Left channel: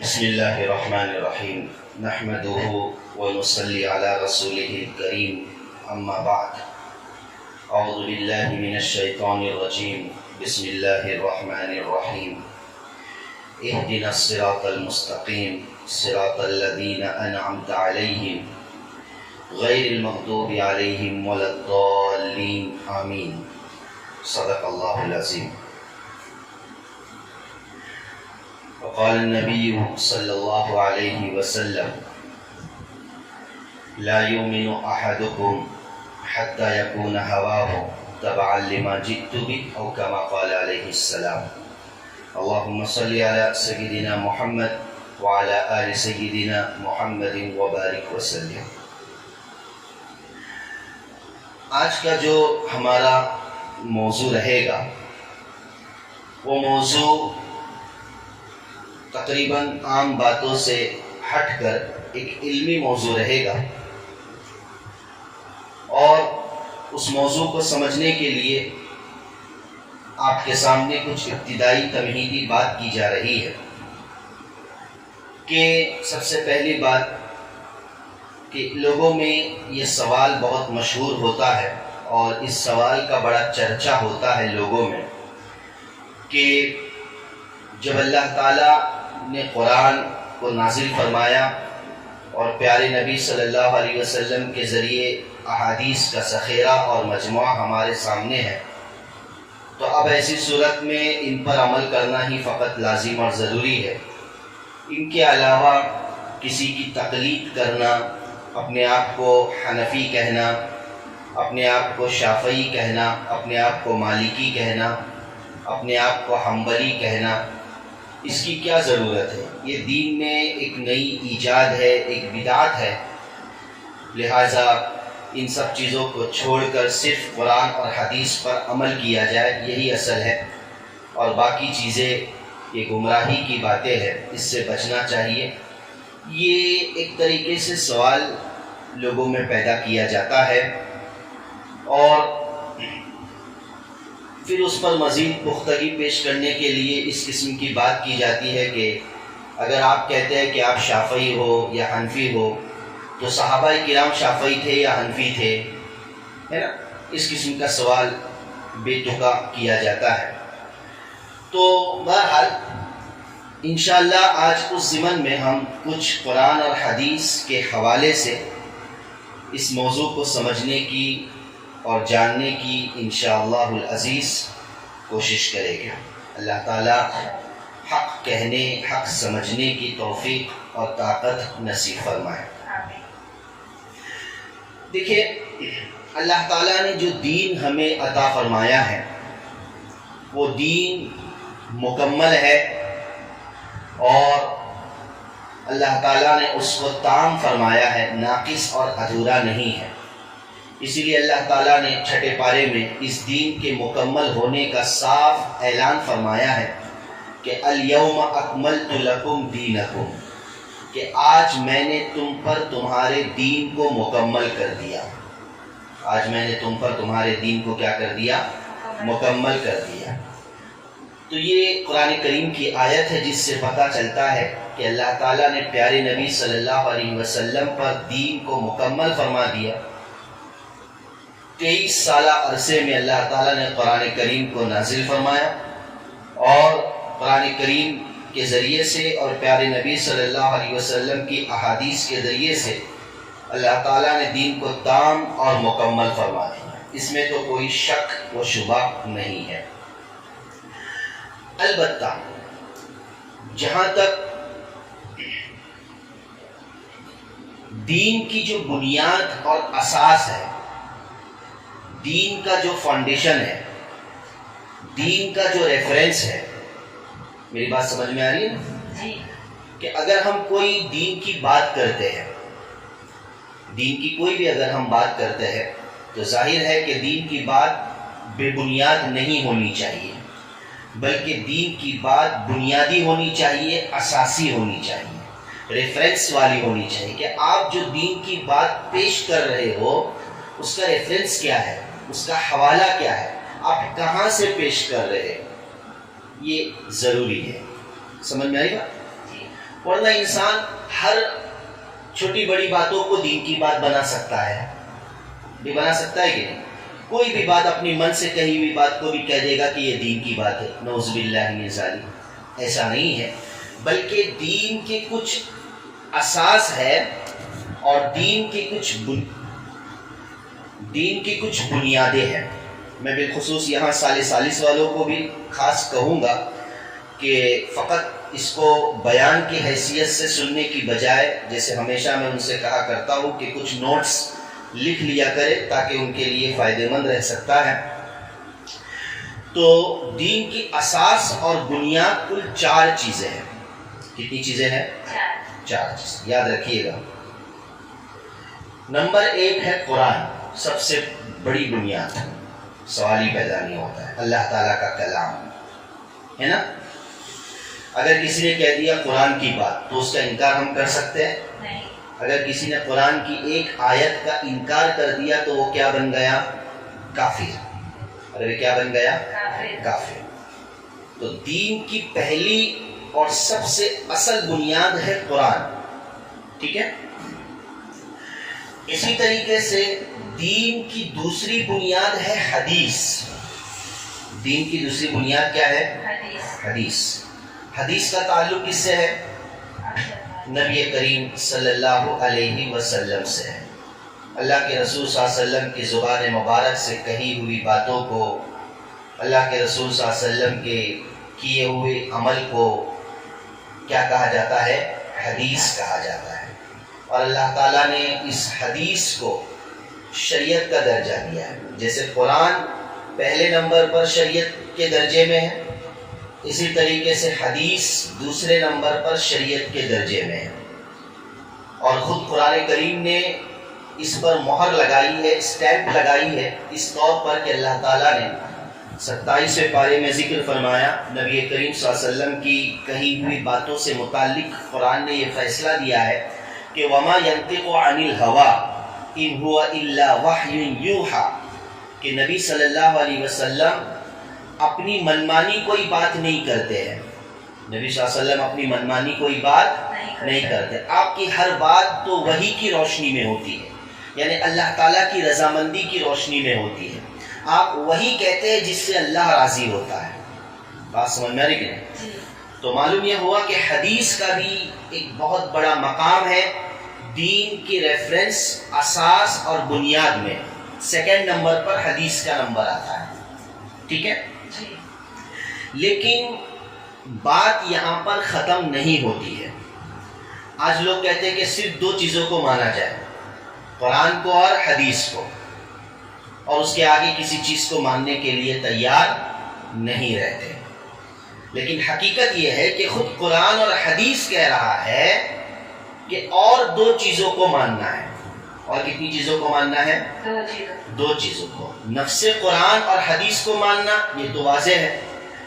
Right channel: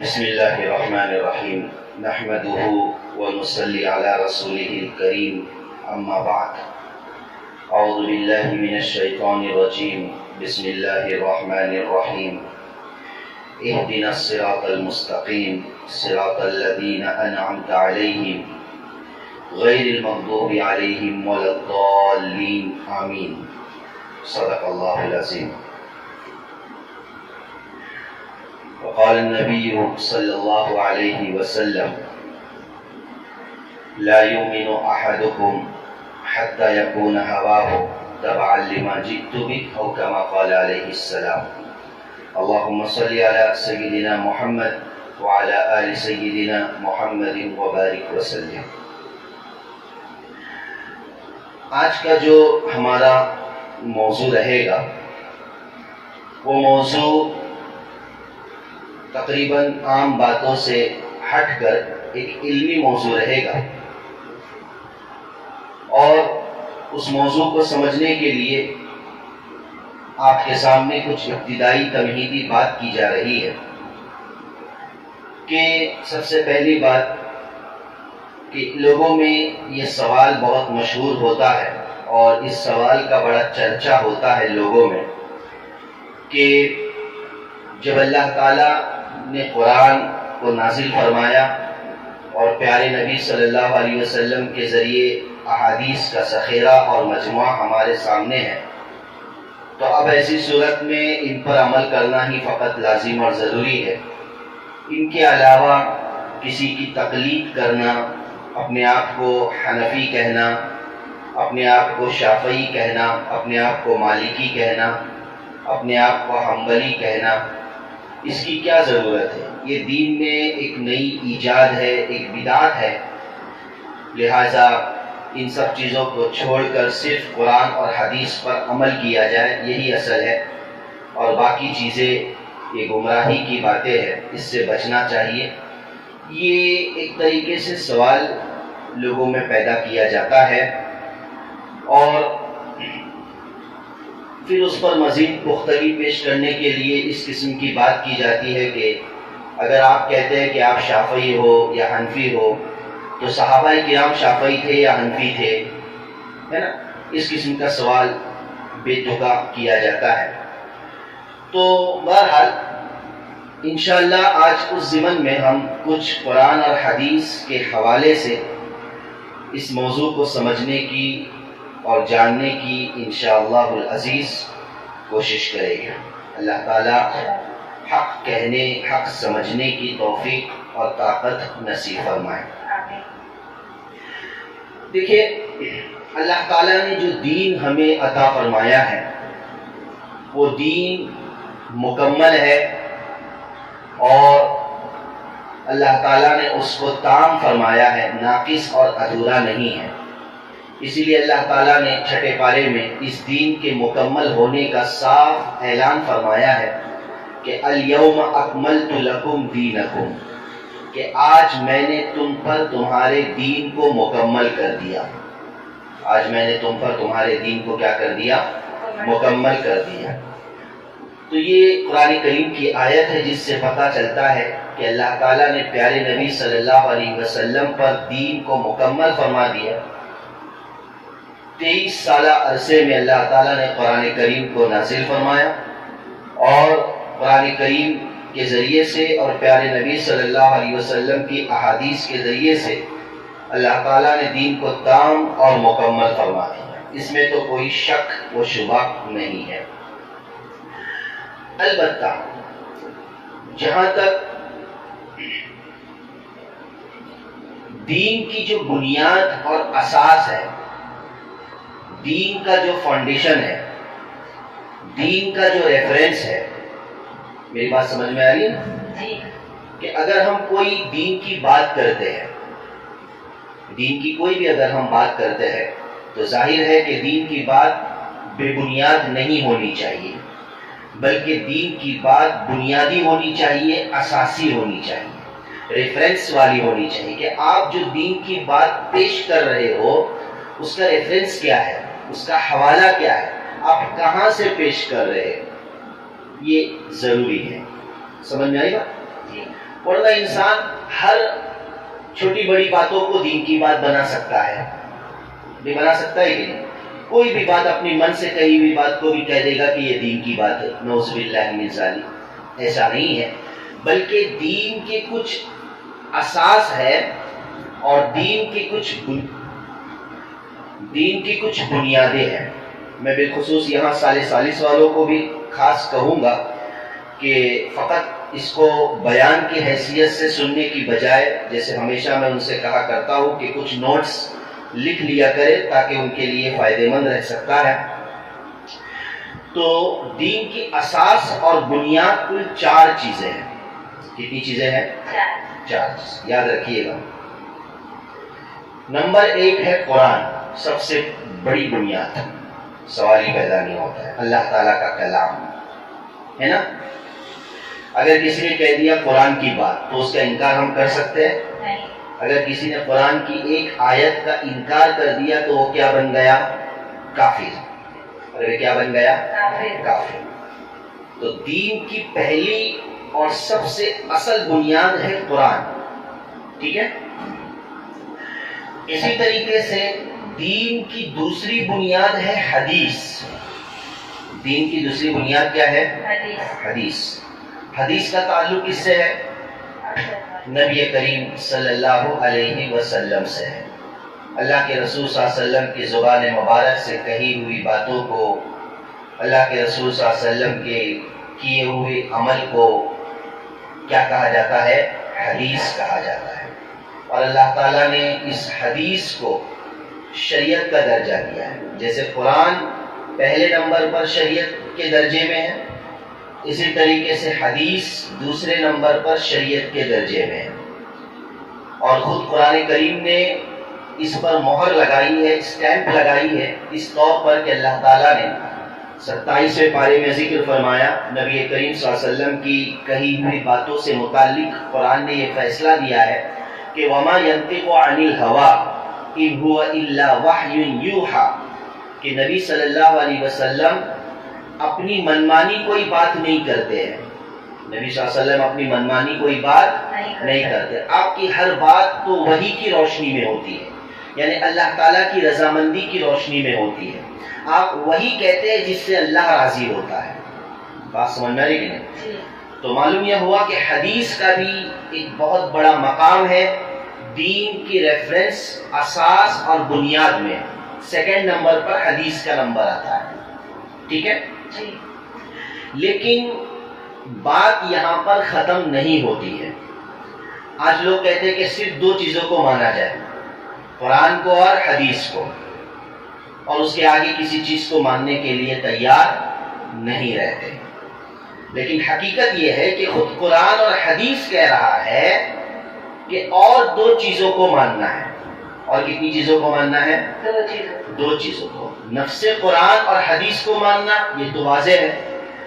بسم اللہ الرحمن الرحیم نحمده ونصلی علی رسوله الکریم اما بعد اعوذ باللہ من الشیطان الرجیم بسم اللہ الرحمن الرحیم اهدنا الصراط المستقیم صراط الذین انعمت علیہم غیر المغضوب علیہم ولا الضالین آمین صدق اللہ العظیم۔ وقال النبي صلى الله عليه وسلم لا يؤمن أحدكم حتى يكون هواه تبعا لما جئت به أو كما قال عليه السلام۔ اللهم صل على سيدنا محمد وعلى آل سيدنا محمد وبارك وسلم۔ آج کا جو ہمارا موضوع رہے گا وہ موضوع تقریباً عام باتوں سے ہٹ کر ایک علمی موضوع رہے گا، اور اس موضوع کو سمجھنے کے لیے آپ کے سامنے کچھ ابتدائی تمہیدی بات کی جا رہی ہے کہ سب سے پہلی بات کہ لوگوں میں یہ سوال بہت مشہور ہوتا ہے اور اس سوال کا بڑا چرچا ہوتا ہے لوگوں میں کہ جب اللہ تعالیٰ نے قرآن کو نازل فرمایا اور پیارے نبی صلی اللہ علیہ وسلم کے ذریعے احادیث کا ذخیرہ اور مجموعہ ہمارے سامنے ہے، تو اب ایسی صورت میں ان پر عمل کرنا ہی فقط لازم اور ضروری ہے۔ ان کے علاوہ کسی کی تقلید کرنا، اپنے آپ کو حنفی کہنا، اپنے آپ کو شافعی کہنا، اپنے آپ کو مالکی کہنا، اپنے آپ کو حنبلی کہنا، اس کی کیا ضرورت ہے؟ یہ دین میں ایک نئی ایجاد ہے، ایک بدعت ہے، لہٰذا ان سب چیزوں کو چھوڑ کر صرف قرآن اور حدیث پر عمل کیا جائے، یہی اصل ہے، اور باقی چیزیں یہ گمراہی کی باتیں ہیں، اس سے بچنا چاہیے۔ یہ ایک طریقے سے سوال لوگوں میں پیدا کیا جاتا ہے، اور پھر اس پر مزید پختگی پیش کرنے کے لیے اس قسم کی بات کی جاتی ہے کہ اگر آپ کہتے ہیں کہ آپ شافعی ہو یا حنفی ہو تو صحابہ کرام شافعی تھے یا حنفی تھے، ہے نا؟ اس قسم کا سوال بے تکا کیا جاتا ہے۔ تو بہرحال انشاءاللہ آج اس ضمن میں ہم کچھ قرآن اور حدیث کے حوالے سے اس موضوع کو سمجھنے کی اور جاننے کی انشاءاللہ العزیز کوشش کرے گا۔ اللہ تعالیٰ حق کہنے، حق سمجھنے کی توفیق اور طاقت نصیب فرمائے۔ دیکھیے، اللہ تعالیٰ نے جو دین ہمیں عطا فرمایا ہے وہ دین مکمل ہے، اور اللہ تعالیٰ نے اس کو تام فرمایا ہے، ناقص اور ادھورا نہیں ہے۔ اسی لیے اللہ تعالیٰ نے چھٹے پارے میں اس دین کے مکمل ہونے کا صاف اعلان فرمایا ہے کہ الیوم اکملت لکم دینکم، کہ آج میں نے تم پر تمہارے دین کو مکمل کر دیا۔ آج میں نے تم پر تمہارے دین کو کیا کر دیا؟ مکمل کر دیا۔ تو یہ قرآن کریم کی آیت ہے جس سے پتہ چلتا ہے کہ اللہ تعالیٰ نے پیارے نبی صلی اللہ علیہ وسلم پر دین کو مکمل فرما دیا۔ 23 سالہ عرصے میں اللہ تعالیٰ نے قرآن کریم کو نازل فرمایا، اور قرآن کریم کے ذریعے سے اور پیارے نبی صلی اللہ علیہ وسلم کی احادیث کے ذریعے سے اللہ تعالیٰ نے دین کو تام اور مکمل فرما دیا۔ اس میں تو کوئی شک و شبہ نہیں ہے۔ البتہ جہاں تک دین کی جو بنیاد اور اساس ہے، دین کا جو فاؤنڈیشن ہے، دین کا جو ریفرنس ہے، میری بات سمجھ میں آ رہی ہے جی؟ کہ اگر ہم کوئی دین کی بات کرتے ہیں، دین کی کوئی بھی اگر ہم بات کرتے ہیں تو ظاہر ہے کہ دین کی بات بے بنیاد نہیں ہونی چاہیے، بلکہ دین کی بات بنیادی ہونی چاہیے، اساسی ہونی چاہیے، ریفرنس والی ہونی چاہیے کہ آپ جو دین کی بات پیش کر رہے ہو اس کا ریفرنس کیا ہے، اس کا حوالہ کیا ہے، آپ کہاں سے پیش کر رہے ہیں، یہ ضروری ہے۔ سمجھ میں آئی بات؟ ورنہ انسان ہر چھوٹی بڑی باتوں کو دین کی بات بنا سکتا ہے، بھی بنا سکتا ہے کہ نہیں؟ کوئی بھی بات اپنی من سے کہی ہوئی بات کو بھی کہہ دے گا کہ یہ دین کی بات ہے، نعوذ باللہ من ذالک۔ ایسا نہیں ہے، بلکہ دین کے کچھ اساس ہے اور دین کی کچھ بنیادیں ہیں۔ میں بالخصوص یہاں ثالث والوں کو بھی خاص کہوں گا کہ فقط اس کو بیان کی حیثیت سے سننے کی بجائے، جیسے ہمیشہ میں ان سے کہا کرتا ہوں کہ کچھ نوٹس لکھ لیا کرے تاکہ ان کے لیے فائدہ مند رہ سکتا ہے۔ تو دین کی اساس اور بنیاد کل 4 چیزیں ہیں۔ کتنی چیزیں ہیں؟ 4 چیزیں، یاد رکھیے گا۔ نمبر 1 ہے قرآن، سب سے بڑی بنیاد، سوال ہی پیدا نہیں ہوتا ہے، اللہ تعالیٰ کا کلام ہے نا۔ اگر کسی نے کہہ دیا قرآن کی بات تو اس کا انکار ہم کر سکتے ہیں؟ نہیں۔ اگر کسی نے قرآن کی ایک آیت کا انکار کر دیا تو وہ کیا بن گیا؟ کافر۔ اگر کیا بن گیا؟ کافر۔ تو دین کی پہلی اور سب سے اصل بنیاد ہے قرآن، ٹھیک ہے؟ اسی طریقے سے دین کی دوسری بنیاد ہے حدیث۔ دین کی دوسری بنیاد کیا ہے؟ حدیث۔ حدیث کا تعلق کس سے ہے؟ نبی کریم صلی اللہ علیہ وسلم سے ہے۔ اللہ کے رسول صلی اللہ علیہ وسلم کی زبان مبارک سے کہی ہوئی باتوں کو، اللہ کے رسول صلی اللہ علیہ وسلم کے کیے ہوئے عمل کو کیا کہا جاتا ہے؟ حدیث کہا جاتا ہے۔ اور اللہ تعالیٰ نے اس حدیث کو شریعت کا درجہ دیا ہے۔ جیسے قرآن پہلے نمبر پر شریعت کے درجے میں ہے، اسی طریقے سے حدیث دوسرے نمبر پر شریعت کے درجے میں ہے۔ اور خود قرآن کریم نے اس پر مہر لگائی ہے، اسٹیمپ لگائی ہے، اس طور پر کہ اللہ تعالیٰ نے 27ویں پارے میں ذکر فرمایا، نبی کریم صلی اللہ علیہ وسلم کی کہی ہوئی باتوں سے متعلق قرآن نے یہ فیصلہ دیا ہے کہ وما ينطق عن الهوى ان هو الا وحی یوحى، کہ نبی صلی اللہ علیہ وسلم اپنی منمانی کوئی بات نہیں کرتے ہیں۔ نبی صلی اللہ علیہ وسلم اپنی منمانی کوئی بات نہیں کرتے۔ آپ کی ہر بات تو وحی کی روشنی میں ہوتی ہے، یعنی اللہ تعالیٰ کی رضامندی کی روشنی میں ہوتی ہے۔ آپ وہی کہتے ہیں جس سے اللہ راضی ہوتا ہے۔ بات سمجھ میں آ رہی کہ نہیں؟ تو معلوم یہ ہوا کہ حدیث کا بھی ایک بہت بڑا مقام ہے دین کی ریفرنس، اساس اور بنیاد میں۔ 2 نمبر پر حدیث کا نمبر آتا ہے، ٹھیک ہے؟ لیکن بات یہاں پر ختم نہیں ہوتی ہے۔ آج لوگ کہتے ہیں کہ صرف 2 چیزوں کو مانا جائے، قرآن کو اور حدیث کو، اور اس کے آگے کسی چیز کو ماننے کے لیے تیار نہیں رہتے۔ لیکن حقیقت یہ ہے کہ خود قرآن اور حدیث کہہ رہا ہے کہ اور 2 چیزوں کو ماننا ہے۔ اور کتنی چیزوں کو ماننا ہے؟ 2 چیزوں کو۔ نفس قرآن اور حدیث کو ماننا یہ تو واضح ہے،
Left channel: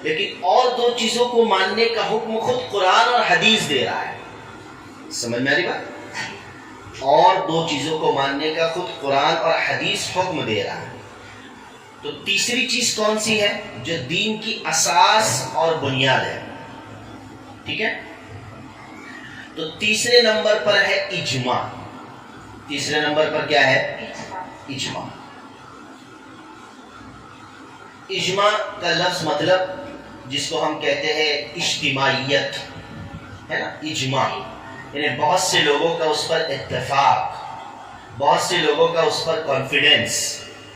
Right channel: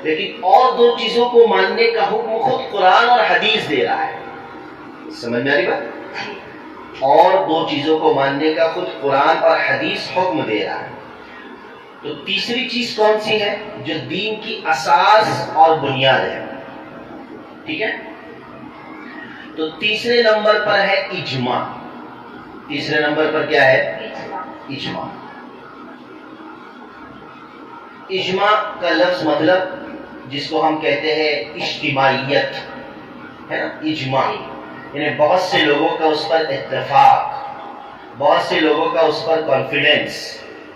لیکن اور 2 چیزوں کو ماننے کا حکم خود قرآن اور حدیث دے رہا ہے۔ سمجھ میں آ رہی بات؟ اور 2 چیزوں کو ماننے کا خود قرآن اور حدیث حکم دے رہا ہے۔ تو تیسری چیز کون سی ہے جو دین کی اساس اور بنیاد ہے؟ ٹھیک ہے؟ تو تیسرے نمبر پر ہے اجماع۔ تیسرے نمبر پر کیا ہے؟ اجماع۔ اجماع کا لفظ مطلب جس کو ہم کہتے ہیں اجتماعیت ہے نا، اجماع یعنی بہت سے لوگوں کا اس پر اتفاق، بہت سے لوگوں کا اس پر کانفیڈنس،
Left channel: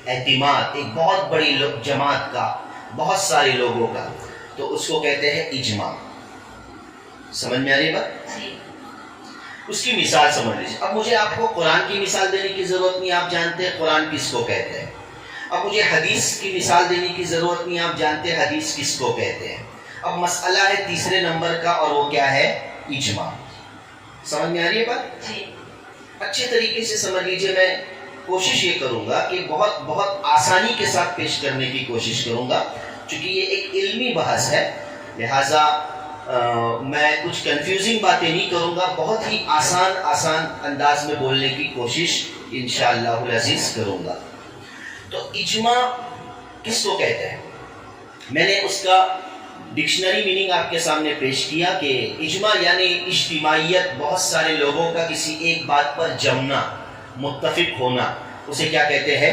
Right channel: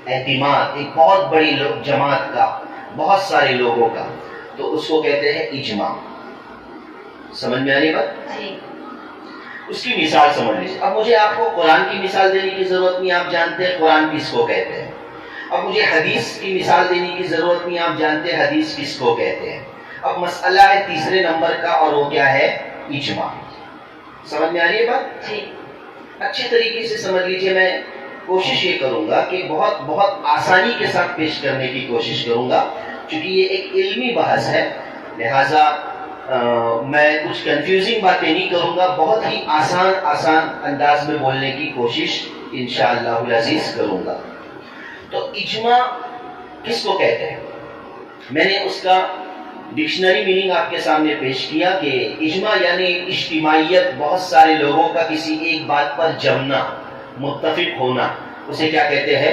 اعتماد، ایک بہت بڑی جماعت کا، بہت سارے لوگوں کا، تو اس کو کہتے ہیں اجماع۔ سمجھ میں آ رہی بات؟ اس کی مثال سمجھ لیجیے۔ اب مجھے آپ کو قرآن کی مثال دینے کی ضرورت نہیں، آپ جانتے ہیں قرآن کس کو کہتے ہیں۔ اب مجھے حدیث کی مثال دینے کی ضرورت نہیں، آپ جانتے ہیں حدیث کس کو کہتے ہیں۔ اب مسئلہ ہے تیسرے نمبر کا، اور وہ کیا ہے؟ اجماع۔ سمجھ میں آ رہی ہے بات؟ اچھے طریقے سے سمجھ لیجیے۔ میں کوشش یہ کروں گا کہ بہت آسانی کے ساتھ پیش کرنے کی کوشش کروں گا، چونکہ یہ ایک علمی بحث ہے، لہٰذا میں کچھ کنفیوزنگ باتیں نہیں کروں گا، بہت ہی آسان انداز میں بولنے کی کوشش انشاءاللہ العزیز کروں گا۔ تو اجماع کس کو کہتے ہیں؟ میں نے اس کا ڈکشنری میننگ آپ کے سامنے پیش کیا کہ اجماع یعنی اجتماعیت، بہت سارے لوگوں کا کسی ایک بات پر جمنا، متفق ہونا، اسے کیا کہتے ہیں؟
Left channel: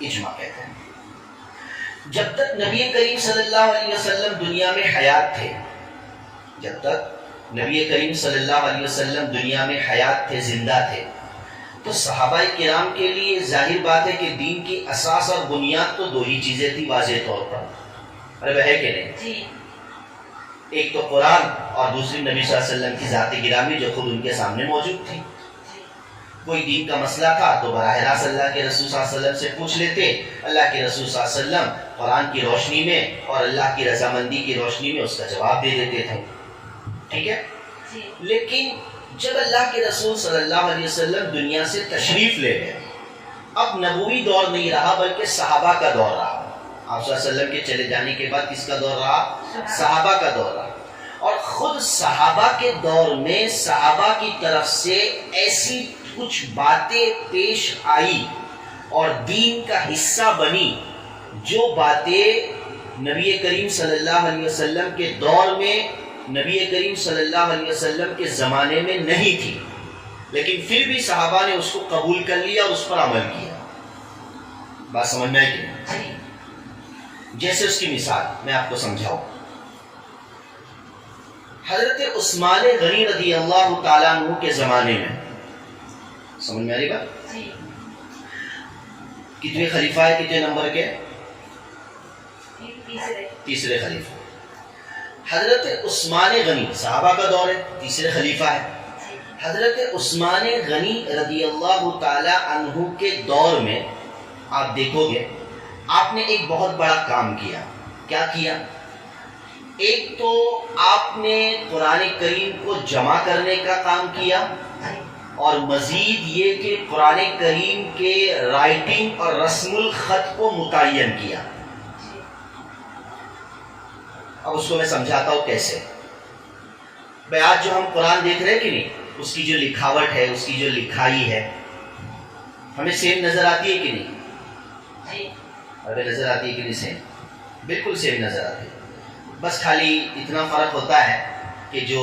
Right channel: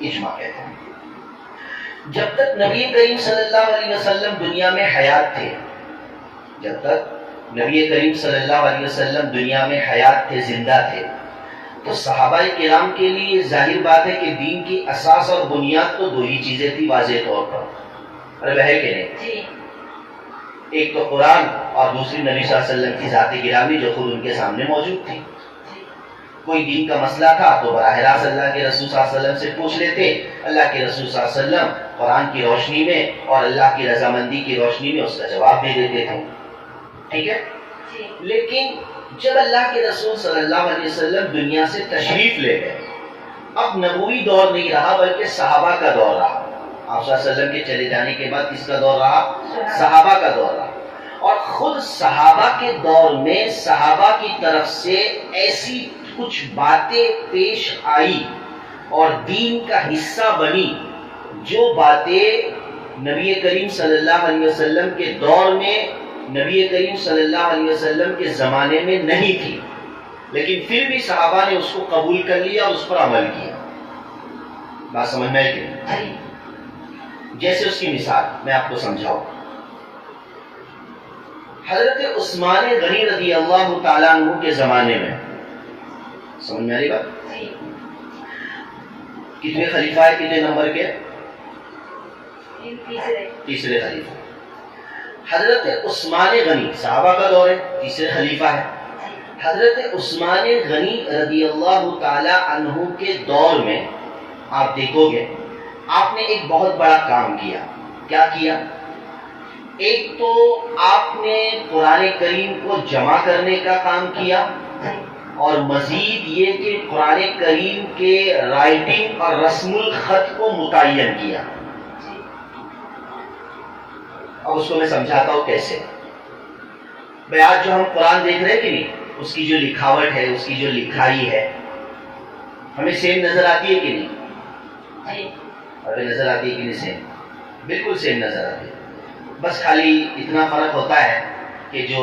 اجماع کہتے ہیں۔ جب تک نبی کریم صلی اللہ علیہ وسلم دنیا میں حیات تھے، جب تک نبی کریم صلی اللہ علیہ وسلم دنیا میں حیات تھے، زندہ تھے، تو صحابہ کرام کے لیے ظاہر بات ہے کہ دین کی اساس اور بنیاد تو دو ہی چیزیں تھی واضح طور پر، ارے وہ ہے کہ نہیں؟ ایک تو قرآن اور دوسری نبی صلی اللہ علیہ وسلم کی ذات گرامی جو خود ان کے سامنے موجود تھی۔ کوئی دین کا مسئلہ تھا تو براہ راست اللہ کے رسول صلی اللہ علیہ وسلم سے پوچھ لیتے، اللہ کے رسول صلی اللہ علیہ وسلم قرآن کی روشنی میں اور اللہ کی رضامندی کی روشنی میں اس کا جواب دے دیتے تھے، ٹھیک ہے؟ لیکن جب اللہ کے رسول صلی اللہ علیہ وسلم دنیا سے تشریف لے گئے، اب نبوی دور نہیں رہا بلکہ صحابہ کا دور رہا۔ آپ صلی اللہ علیہ وسلم کے چلے جانے کے بعد کس کا دور رہا؟ صحابہ کا دور رہا۔ اور خود صحابہ کے دور میں صحابہ کی طرف سے ایسی کچھ باتیں پیش آئی اور دین کا حصہ بنی جو باتیں نبی کریم صلی اللہ علیہ وسلم کے دور میں، نبی کریم صلی اللہ علیہ وسلم کے زمانے میں نہیں تھی، لیکن پھر بھی صحابہ نے اس کو قبول کر لیا اور اس پر عمل کیا۔ بات سمجھ میں آئی کہ نہیں؟ جیسے اس کی مثال میں آپ کو سمجھاؤں، حضرت عثمان غنی رضی اللہ تعالیٰ عنہ کے زمانے میں، سمجھ میں آ رہی بات؟ کتنے خلیفہ ہے، کتنے نمبر کے؟ تیسرے خلیفہ۔ حضرت عثمان غنی صحابہ کا دور ہے، تیسرے خلیفہ ہے۔ حضرت عثمان غنی رضی اللہ تعالی عنہ کے دور میں آپ دیکھو گے آپ نے ایک بہت بڑا کام کیا۔ کیا کیا؟ ایک تو آپ نے قرآن کریم کو جمع کرنے کا کام کیا، اور مزید یہ کہ قرآن کریم کے رائٹنگ اور رسم الخط کو متعین کیا۔ اب اس کو میں سمجھاتا ہوں کیسے۔ بھائی آج جو ہم قرآن دیکھ رہے ہیں کہ نہیں، اس کی جو لکھاوٹ ہے، اس کی جو لکھائی ہے، ہمیں سیم نظر آتی ہے کہ نہیں؟ ہمیں نظر آتی ہے کہ نہیں؟ سیم، بالکل سیم نظر آتی ہے۔ بس خالی اتنا فرق ہوتا ہے کہ جو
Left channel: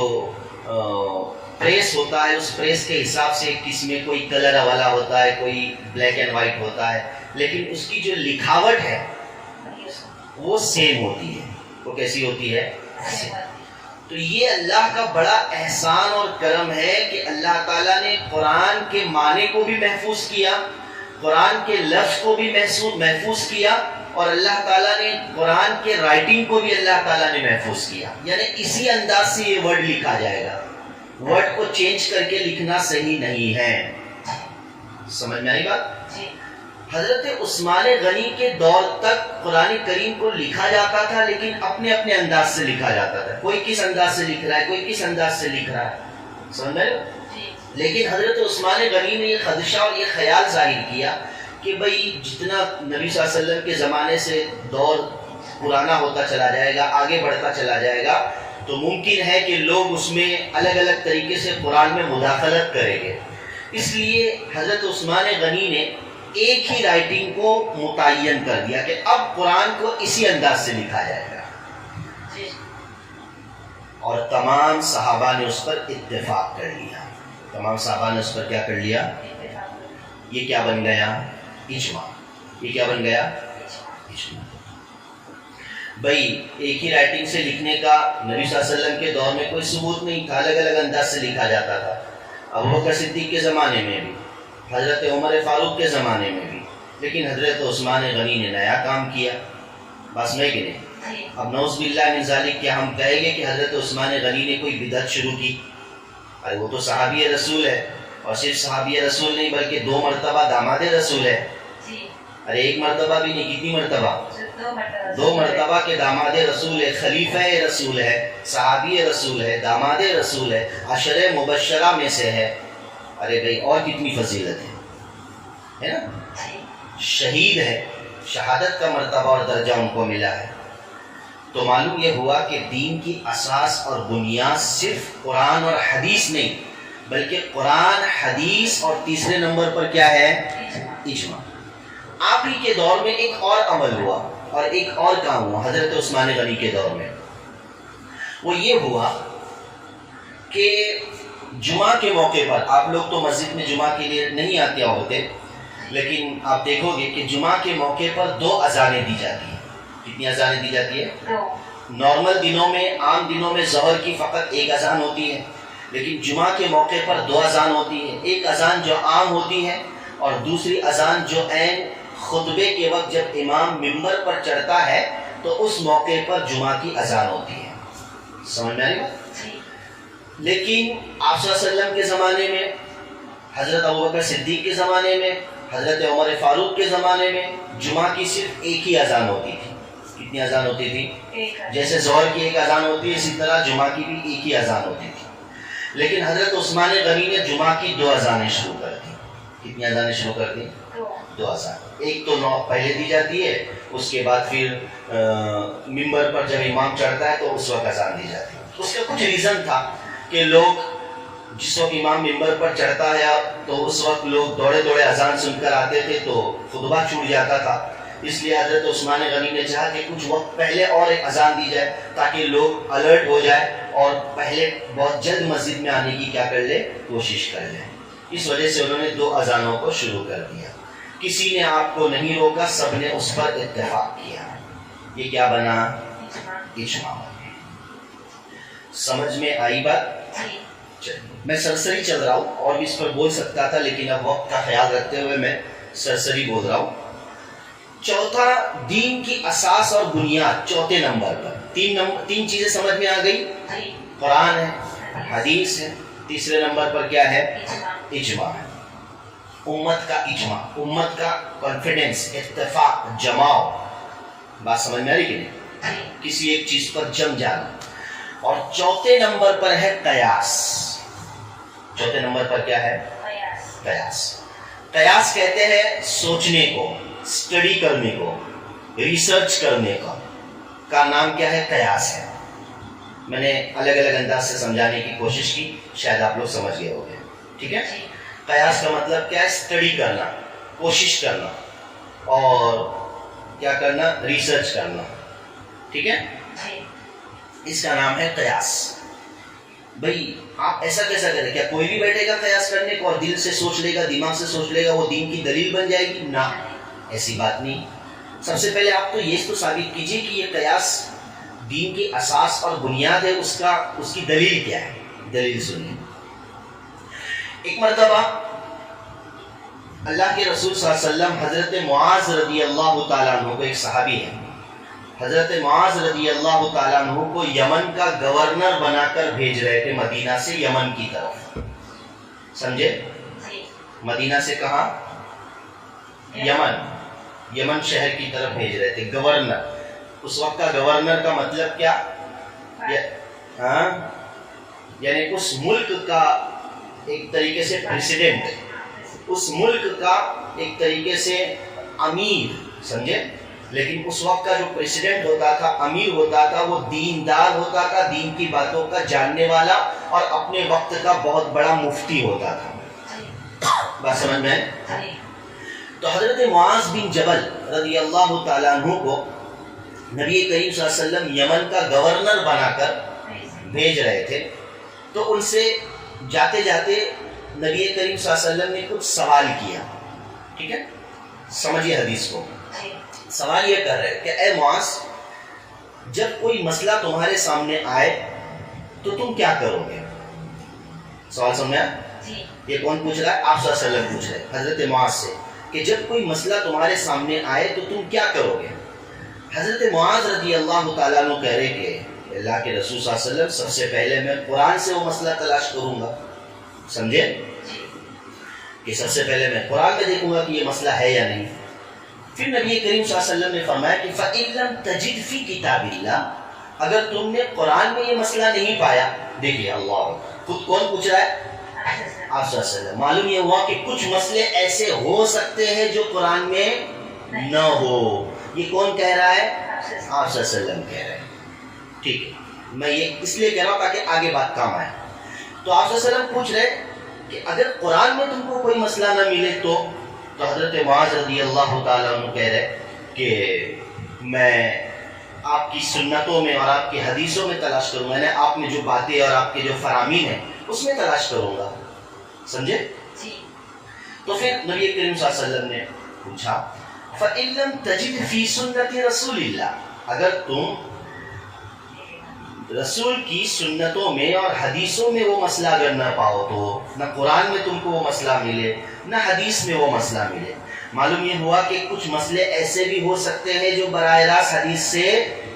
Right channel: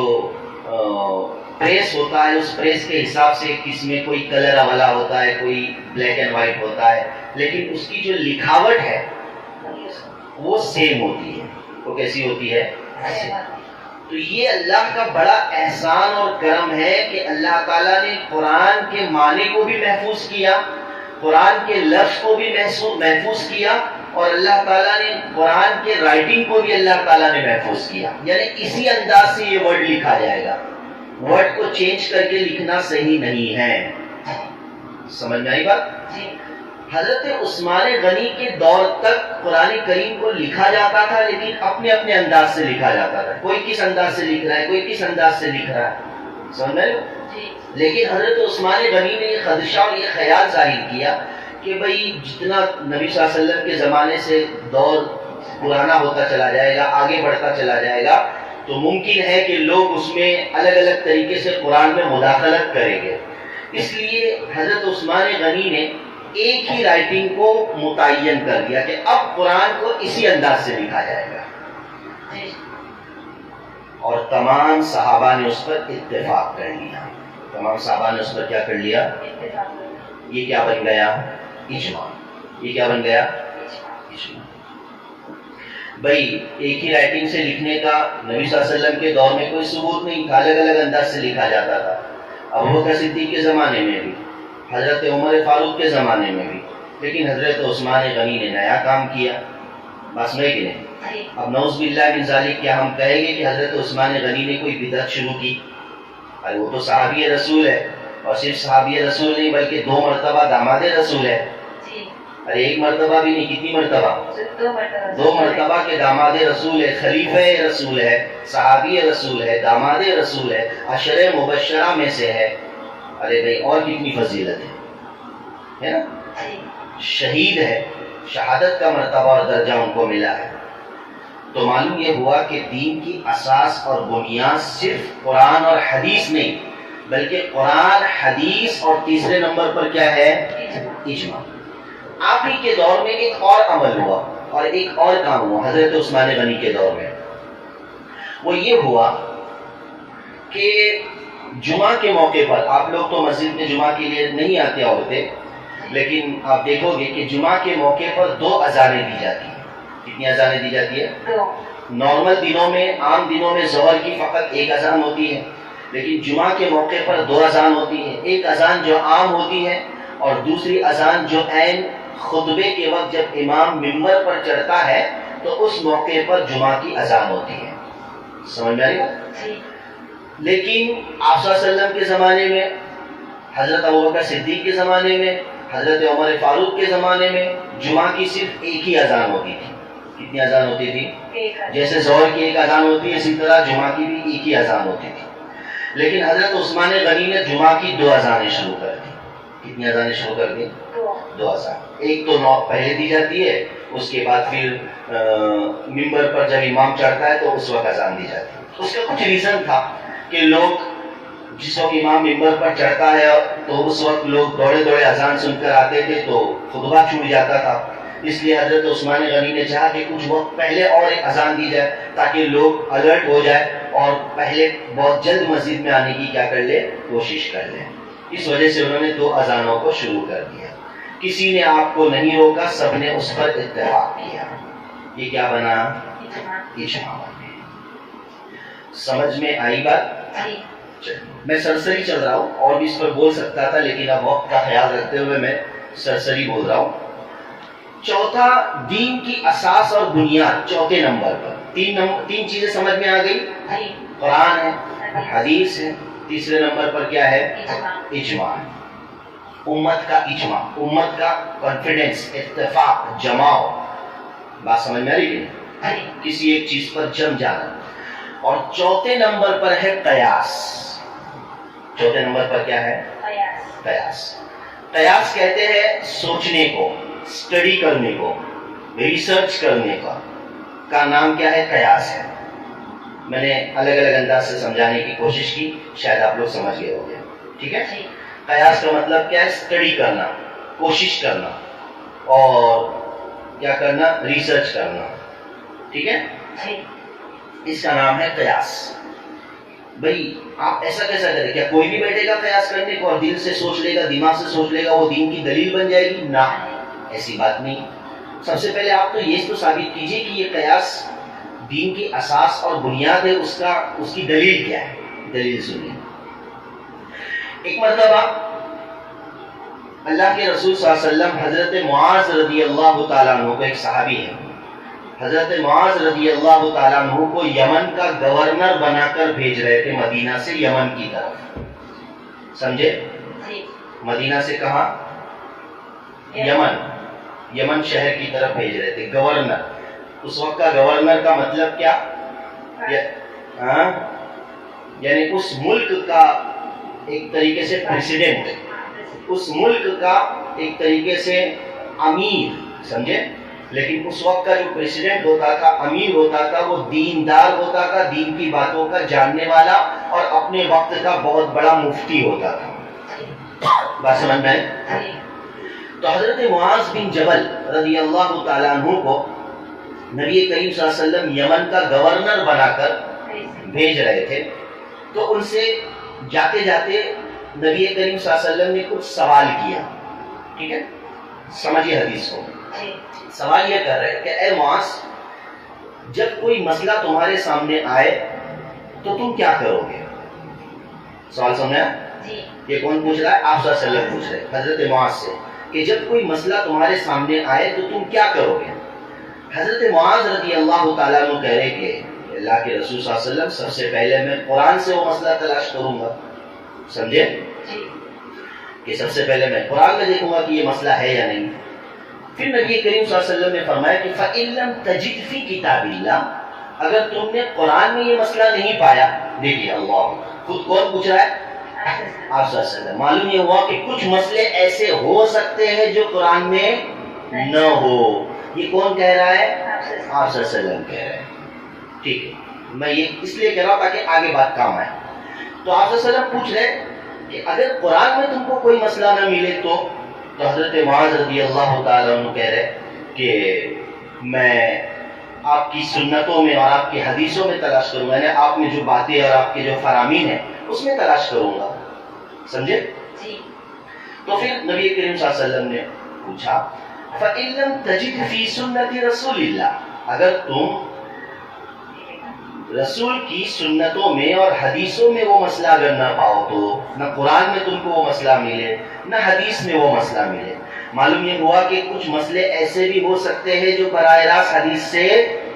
پریس ہوتا ہے اس پریس کے حساب سے کس میں کوئی کلر والا ہوتا ہے، کوئی بلیک اینڈ وائٹ ہوتا ہے، لیکن اس کی جو لکھاوٹ ہے وہ سیم ہوتی ہے۔ وہ کیسی ہوتی ہے؟ تو یہ اللہ کا بڑا احسان اور کرم ہے کہ اللہ تعالیٰ نے قرآن کے معنی کو بھی محفوظ کیا، قرآن کے لفظ کو بھی محفوظ کیا، اور اللہ تعالیٰ نے قرآن کے رائٹنگ کو بھی اللہ تعالیٰ نے محفوظ کیا۔ یعنی اسی انداز سے یہ ورڈ لکھا جائے گا، ورڈ کو چینج کر کے لکھنا صحیح نہیں ہے۔ سمجھ میں آئی بات؟ حضرت عثمان غنی کے دور تک قرآن کریم کو لکھا جاتا تھا، لیکن اپنے اپنے انداز سے لکھا جاتا تھا۔ کوئی کس انداز سے لکھ رہا ہے، کوئی کس انداز سے لکھ رہا ہے، سمجھ میں؟ لیکن حضرت عثمان غنی نے یہ خدشہ اور یہ خیال ظاہر کیا کہ بھئی جتنا نبی صلی اللہ علیہ وسلم کے زمانے سے دور پرانا ہوتا چلا جائے گا، آگے بڑھتا چلا جائے گا، تو ممکن ہے کہ لوگ اس میں الگ الگ طریقے سے قرآن میں مداخلت کریں گے۔ اس لیے حضرت عثمان غنی نے ایک ہی رائٹنگ کو متعین کر دیا کہ اب قرآن کو اسی انداز سے لکھا جائے گا، اور تمام صحابہ نے اس پر اتفاق کر لیا۔ تمام صحابہ نے اس پر کیا کر لیا؟ یہ کیا بن گیا؟ اجماع۔ یہ کیا بن گیا؟ اجماع۔ بھائی ایک ہی رائٹنگ سے لکھنے کا نبی صلی اللہ علیہ وسلم کے دور میں کوئی ثبوت نہیں تھا، الگ الگ انداز سے لکھا جاتا تھا۔ ابوبکر صدیق کے زمانے میں بھی، حضرت عمر فاروق کے زمانے میں بھی، لیکن حضرت عثمان غنی نے نیا کام کیا۔ بس میں کہ نہیں؟ اب نعوذ باللہ من ذالک کیا ہم کہیں گے کہ حضرت عثمان غنی نے کوئی بدعت شروع کی؟ ارے وہ تو صحابی رسول ہے، اور صرف صحابی رسول نہیں بلکہ 2 مرتبہ داماد رسول ہے۔ ارے 1 مرتبہ بھی نہیں، کتنی مرتبہ؟ 2 مرتبہ کے داماد رسول ہے، خلیفہ رسول ہے، صحابی رسول ہے، داماد رسول ہے، عشرہ مبشرہ میں سے ہے۔ ارے بھائی اور کتنی فضیلت ہے نا؟ شہید ہے، شہادت کا مرتبہ اور درجہ ان کو ملا ہے۔ تو معلوم یہ ہوا کہ دین کی اساس اور بنیاد صرف قرآن اور حدیث نہیں بلکہ قرآن، حدیث اور تیسرے نمبر پر کیا ہے؟ اجماع۔ آپ ہی کے دور میں ایک اور عمل ہوا اور ایک اور کام ہوا حضرت عثمان غنی کے دور میں۔ وہ یہ ہوا کہ جمعہ کے موقع پر آپ لوگ تو مسجد میں جمعہ کے لیے نہیں آتے عورتیں، لیکن آپ دیکھو گے کہ جمعہ کے موقع پر 2 اذانیں دی جاتی ہیں. کتنی اذانیں دی جاتی ہے؟ 2. نارمل دنوں میں، عام دنوں میں ظہر کی فقط 1 اذان ہوتی ہے، لیکن جمعہ کے موقع پر 2 اذان ہوتی ہے. ایک اذان جو عام ہوتی ہے اور دوسری اذان جو عین خطبے کے وقت جب امام ممبر پر چڑھتا ہے تو اس موقع پر جمعہ کی اذان ہوتی ہے. سمجھ میں آئی بات؟ لیکن آپ صلی اللہ علیہ وسلم کے زمانے میں، حضرت ابوبکر صدیق کے زمانے میں، حضرت عمر فاروق کے زمانے میں جمعہ کی صرف ایک ہی اذان ہوتی تھی. کتنی اذان ہوتی تھی؟ جیسے ظہر کی ایک اذان ہوتی ہے اسی طرح جمعہ کی بھی ایک ہی اذان ہوتی تھی. لیکن حضرت عثمان غنی نے جمعہ کی 2 اذانیں شروع کر دی. کتنی اذانیں شروع کر دی؟ 2 اذان. ایک تو پہلے دی جاتی ہے، اس کے بعد پھر ممبر پر جب امام چڑھتا ہے تو اس وقت اذان دی جاتی ہے. اس کا کچھ ریزن تھا کہ لوگ جس وقت امام ممبر پر چڑھتا ہے تو اس وقت لوگ دوڑے دوڑے اذان سن کر آتے تھے تو خطبہ چھوٹ جاتا تھا. اس لیے حضرت عثمان غنی نے چاہا کہ کچھ وقت پہلے اور ایک اذان دی جائے تاکہ لوگ الرٹ ہو جائے اور پہلے بہت جلد مسجد میں آنے کی کیا کر لے، کوشش کر لیں. اس وجہ سے انہوں نے 2 اذانوں کو شروع کر دیا. کسی نے آپ کو نہیں روکا، سب نے اس پر اتفاق کیا. یہ کیا بنا؟ اجماع. سمجھ میں آئی بات؟ میں سرسری چل رہا ہوں، اور بھی اس پر بول سکتا تھا لیکن اب وقت کا خیال رکھتے ہوئے میں سرسری بول رہا ہوں. چوتھا، دین کی اساس اور بنیاد. چوتھے نمبر پر 3 چیزیں سمجھ میں آ گئی. قرآن ہے، حدیث ہے. تیسرے نمبر پر کیا ہے؟ اجماع. امت کا اجماع، امت کا کانفیڈنس، اتفاق، جماؤ. بات سمجھ میں آ رہی کہ نہیں؟ کسی ایک چیز پر جم جانا. اور چوتھے نمبر پر ہے قیاس. چوتھے نمبر پر کیا ہے؟ قیاس. قیاس کہتے ہیں سوچنے کو، اسٹڈی کرنے کو، ریسرچ کرنے کا نام کیا ہے؟ قیاس ہے. میں نے الگ الگ انداز سے سمجھانے کی کوشش کی، شاید آپ لوگ سمجھ گئے ہو گے. ٹھیک ہے؟ قیاس کا مطلب کیا ہے؟ اسٹڈی کرنا، کوشش کرنا، اور کیا کرنا؟ ریسرچ کرنا. ٹھیک ہے؟ اس کا نام ہے قیاس. بھئی آپ ایسا کیسا کریں؟ کیا کوئی بھی بیٹھے گا قیاس کرنے کو اور دل سے سوچ لے گا، دماغ سے سوچ لے گا، وہ دین کی دلیل بن جائے گی؟ نہ، ایسی بات نہیں. سب سے پہلے آپ تو یہ تو ثابت کیجئے کہ یہ قیاس دین کی اساس اور بنیاد ہے. اس کی دلیل کیا ہے؟ دلیل سنیے. ایک مرتبہ اللہ کے رسول صلی اللہ علیہ وسلم حضرت معاذ رضی اللہ تعالیٰ عنہ کو، ایک صحابی ہے، حضرت معاذ رضی اللہ تعالیٰ عنہ کو یمن کا گورنر بنا کر بھیج رہے تھے مدینہ سے یمن کی طرف. سمجھے؟ مدینہ سے کہاں؟ یمن شہر کی طرف بھیج رہے تھے. گورنر، اس وقت کا گورنر کا مطلب کیا؟ یعنی اس ملک کا ایک طریقے سے پریسیڈنٹ، اس ملک کا ایک طریقے سے امیر. سمجھے؟ لیکن اس وقت کا جو پریسیڈنٹ ہوتا تھا، امیر ہوتا تھا، وہ دیندار ہوتا تھا، دین کی باتوں کا جاننے والا، اور اپنے وقت کا بہت بڑا مفتی ہوتا تھا. بات سمجھ میں ہے؟ تو حضرت معاذ بن جبل رضی اللہ تعالیٰ عنہ کو نبی کریم صلی اللہ علیہ وسلم یمن کا گورنر بنا کر بھیج رہے تھے. تو ان سے جاتے جاتے نبی کریم صلی اللہ علیہ وسلم نے کچھ سوال کیا. ٹھیک ہے؟ سمجھیے حدیث کو. سوال یہ کر رہے کہ اے معاذ، جب کوئی مسئلہ تمہارے سامنے آئے تو تم کیا کرو گے؟ سوال سمجھا؟ یہ کون پوچھ رہا ہے؟ آپ صلی اللہ علیہ وسلم پوچھ رہے حضرت معاذ سے کہ جب کوئی مسئلہ تمہارے سامنے آئے تو تم کیا کرو گے؟ حضرت معاذ رضی اللہ تعالیٰ عنہ کہہ رہے کہ اللہ کے رسول صلی اللہ علیہ وسلم، سب سے پہلے میں قرآن سے وہ مسئلہ تلاش کروں گا. سمجھے؟ کہ سب سے پہلے میں قرآن میں دیکھوں گا کہ یہ مسئلہ ہے یا نہیں. پھر نبی کریم صلی اللہ علیہ وسلم نے فرمایا کہ فَإِن لَمْ تَجِدْ فِي كِتَابِ اللَّهِ، اگر تم نے قرآن میں یہ مسئلہ نہیں پایا. دیکھیے اللہ خود کون پوچھ رہا ہے؟ آپ صلی اللہ علیہ وسلم. معلوم یہ ہوا کہ کچھ مسئلے ایسے ہو سکتے ہیں جو قرآن میں نہ ہو. یہ کون کہہ رہا ہے؟ آپ صلی اللہ علیہ وسلم کہہ رہے ہیں. ٹھیک ہے، میں یہ اس لیے کہہ رہا ہوں تاکہ آگے بات کام آئے. تو آپ صلی اللہ علیہ وسلم پوچھ رہے کہ اگر قرآن میں تم کو کوئی مسئلہ نہ ملے تو حضرت معاذ رضی اللہ تعالیٰ عنہ کہہ رہے کہ میں آپ کی سنتوں میں اور آپ کی حدیثوں میں تلاش کروں گا، یعنی آپ میں جو باتیں اور آپ کے جو فرامین ہیں اس میں تلاش کروں گا. سمجھے؟ جی. تو پھر نبی کریم صلی اللہ علیہ وسلم نے پوچھا فَإِن لَمْ تَجِدْ فِي سُنَّةِ رَسُولِ اللَّهِ، اگر تم رسول کی سنتوں میں اور حدیثوں میں وہ مسئلہ اگر نہ پاؤ، تو نہ قرآن میں تم کو وہ مسئلہ ملے نہ حدیث میں وہ مسئلہ ملے. معلوم یہ ہوا کہ کچھ مسئلے ایسے بھی ہو سکتے ہیں جو براہ راست حدیث سے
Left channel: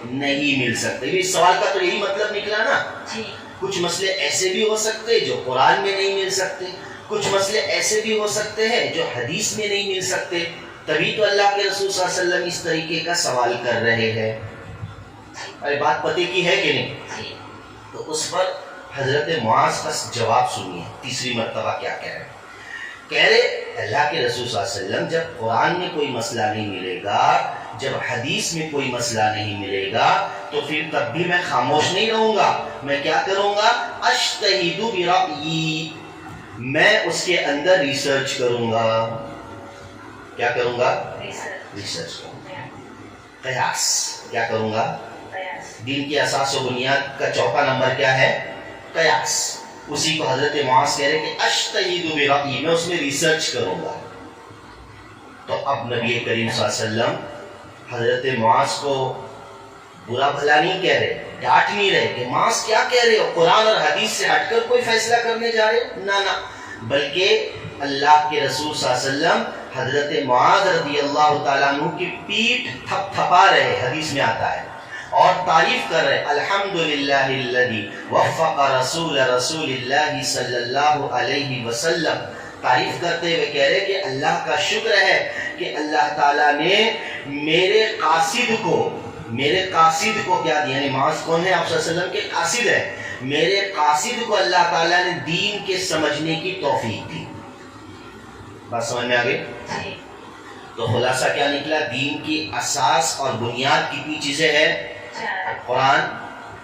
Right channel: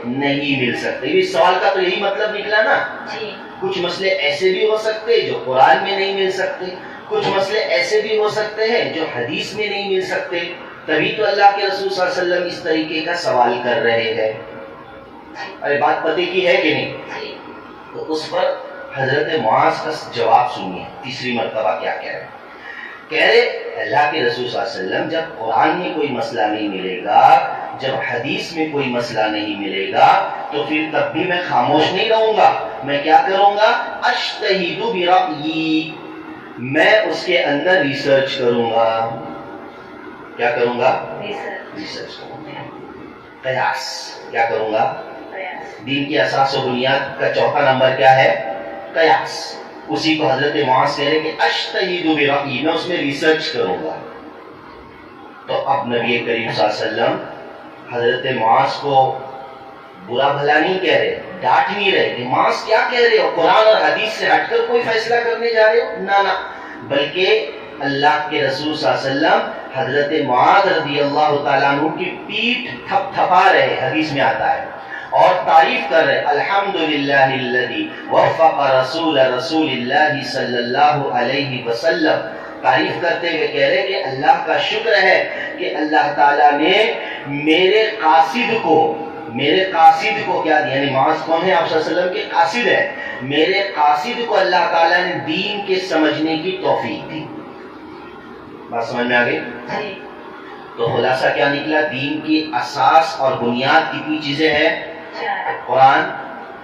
نہیں مل سکتے. اس سوال کا تو یہی مطلب نکلا نا. جی. کچھ مسئلے ایسے بھی ہو سکتے جو قرآن میں نہیں مل سکتے، کچھ مسئلے ایسے بھی ہو سکتے ہیں جو حدیث میں نہیں مل سکتے. تبھی تو اللہ کے رسول صلی اللہ علیہ وسلم اس طریقے کا سوال کر رہے ہیں. ارے بات پتہ کی ہے کہ نہیں؟ تو اس پر حضرت معاذ کا جواب سنیے، تیسری مرتبہ کیا کہہ رہے ہیں. کہہ رہے اللہ کے رسول صلی اللہ علیہ وسلم جب قرآن میں کوئی مسئلہ نہیں ملے گا، جب حدیث میں کوئی مسئلہ نہیں ملے گا، تو پھر تب بھی میں خاموش نہیں رہوں گا. میں کیا کروں گا؟ اجتہد برأیی، میں اس کے اندر ریسرچ کروں گا. کیا کروں گا؟ ریسرچ کروں گا. قیاس کیا کروں گا؟ دین کی اساس و بنیاد کا چوتھا نمبر کیا ہے؟ قیاس. اسی کو حضرت معاذ کہہ رہے کہ اجتہد برأیی، میں اس میں ریسرچ کروں گا. تو اب نبی کریم صلی اللہ علیہ وسلم حضرت معاذ کو برا بھلا نہیں کہہ رہے، ڈانٹ نہیں رہے کہ معاذ کیا کہہ رہے ہو، قرآن اور حدیث سے ہٹ کر کوئی فیصلہ کرنے جا رہے ہو. نہ بلکہ اللہ کے رسول صلی اللہ علیہ وسلم حضرت معاذ رضی اللہ تعالیٰ عنہ کی پیٹھ تھپ تھپا رہے، حدیث میں آتا ہے، اور تعریف کر رہے الحمدللہ الذی وفق رسول اللہ صلی اللہ علیہ وسلم. تعریف کرتے ہوئے کہہ رہے کہ اللہ کا شکر ہے کہ اللہ تعالیٰ نے میرے قاصد کو کیا دیا، یعنی معاذ کون ہے؟ آپ صلی اللہ علیہ وسلم کے قاصد ہے. میرے قاصد کو اللہ تعالیٰ نے دین کے سمجھنے کی توفیق دی. بات سمجھ میں آ گئی؟ تو خلاصہ کیا نکلا؟ دین کی اساس اور بنیاد کتنی چیزیں ہیں؟ قرآن،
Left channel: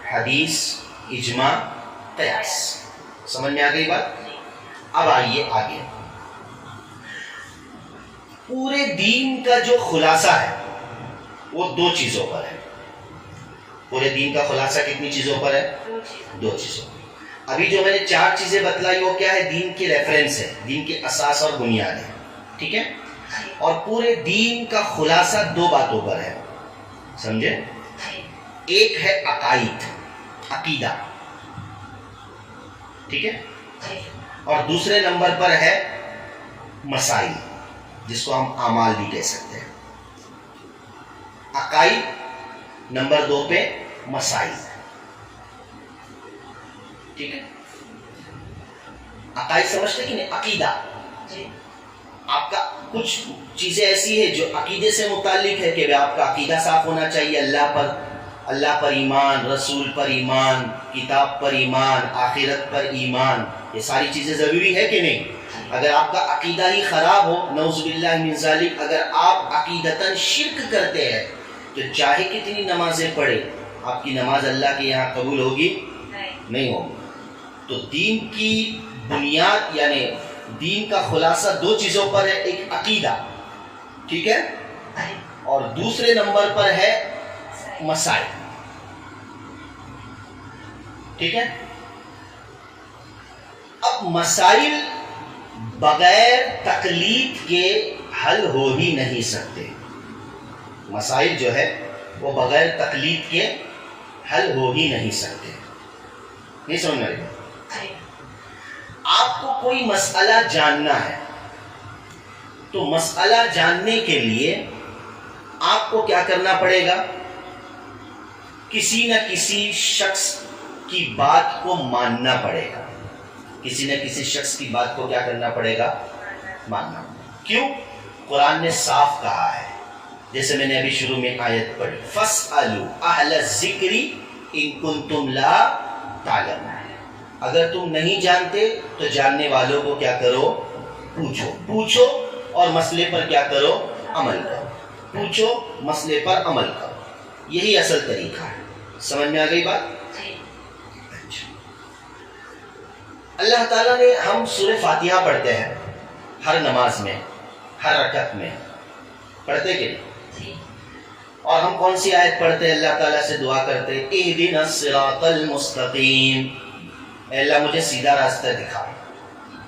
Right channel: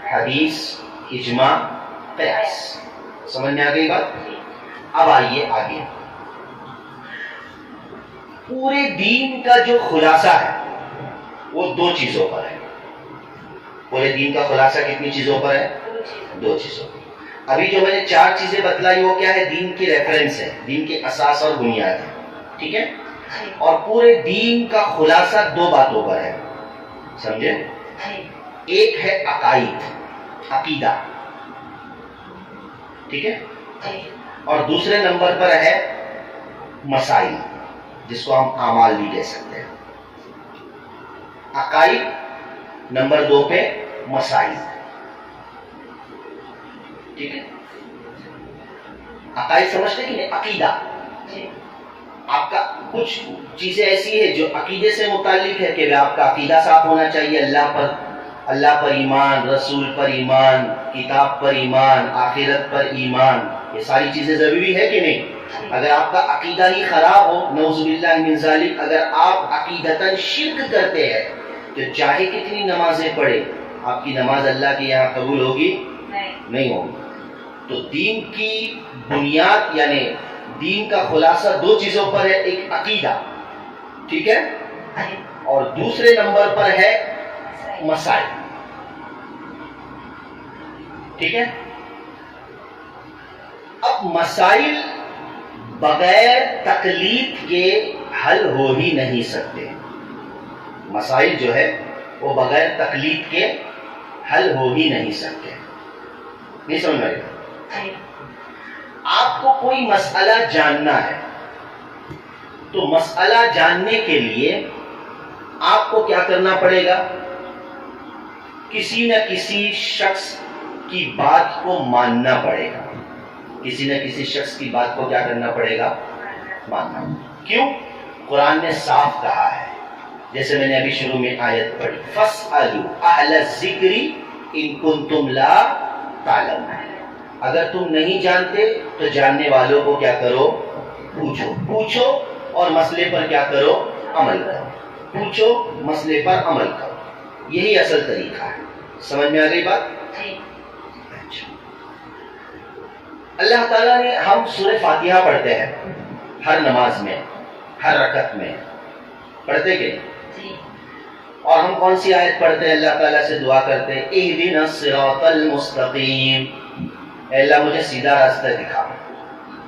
حدیث، اجماع، قیاس. سمجھ میں آ گئی بات؟ اب آئیے آگے. پورے دین کا جو خلاصہ ہے وہ دو چیزوں پر ہے. پورے دین کا خلاصہ کتنی چیزوں پر ہے؟ دو چیزوں پر. ابھی جو میں نے چار چیزیں بتلائی وہ کیا ہے؟ دین کی ریفرنس ہے، دین کے اساس اور بنیاد ہے. ٹھیک ہے؟ اور پورے دین کا خلاصہ دو باتوں پر ہے. سمجھے؟ ایک ہے عقائد، عقیدہ. ٹھیک ہے؟ اور دوسرے نمبر پر ہے مسائل، جس کو ہم اعمال بھی کہہ سکتے ہیں. عقائد نمبر 2 پہ مسائل. ٹھیک ہے؟ عقائد سمجھتے کہ نہیں؟ عقیدہ آپ کا کچھ چیزیں ایسی ہے جو عقیدے سے متعلق ہے کہ آپ کا عقیدہ صاف ہونا چاہیے. اللہ پر ایمان، رسول پر ایمان، کتاب پر ایمان، آخرت پر ایمان. یہ ساری چیزیں ضروری ہے کہ نہیں؟ اگر آپ کا عقیدہ ہی خراب ہو، نعوذ باللہ من ذالک، اگر آپ عقیدتاً شرک کرتے ہیں تو چاہے کتنی نمازیں پڑھے، آپ کی نماز اللہ کے یہاں قبول ہوگی؟ نہیں ہوگی. تو دین کی بنیاد یعنی دین کا خلاصہ دو چیزوں پر ہے. ایک عقیدہ، ٹھیک ہے، اور دوسرے نمبر پر ہے مسائل. ٹھیک ہے؟ اب مسائل بغیر تقلید کے حل ہو ہی نہیں سکتے. مسائل جو ہے وہ بغیر تقلید کے حل ہو ہی نہیں سکتے. نہیں سمجھ رہے؟ آپ کو کوئی مسئلہ جاننا ہے تو مسئلہ جاننے کے لیے آپ کو کیا کرنا پڑے گا؟ کسی نہ کسی شخص کی بات کو ماننا پڑے گا. کسی نہ کسی شخص کی بات کو کیا کرنا پڑے گا؟ ماننا. کیوں؟ قرآن نے صاف کہا ہے، جیسے میں نے ابھی شروع میں آیت پڑھی، فَاسْأَلُوا أَهْلَ الذِّكْرِ إِن كُنتُمْ لَا تَعْلَمُونَ. اگر تم نہیں جانتے تو جاننے والوں کو کیا کرو؟ پوچھو اور مسئلے پر کیا کرو؟ عمل کرو. پوچھو، مسئلے پر عمل کرو. یہی اصل طریقہ ہے. سمجھ میں آ گئی بات؟ اچھا. اللہ تعالیٰ نے، ہم سورہ فاتحہ پڑھتے ہیں ہر نماز میں، ہر رکعت میں، پڑھتے کہ نہیں؟ اور ہم کون سی آیت پڑھتے ہیں؟ اللہ تعالیٰ سے دعا کرتے ہیں اہدنا الصراط المستقیم، اے اللہ مجھے سیدھا راستہ دکھا،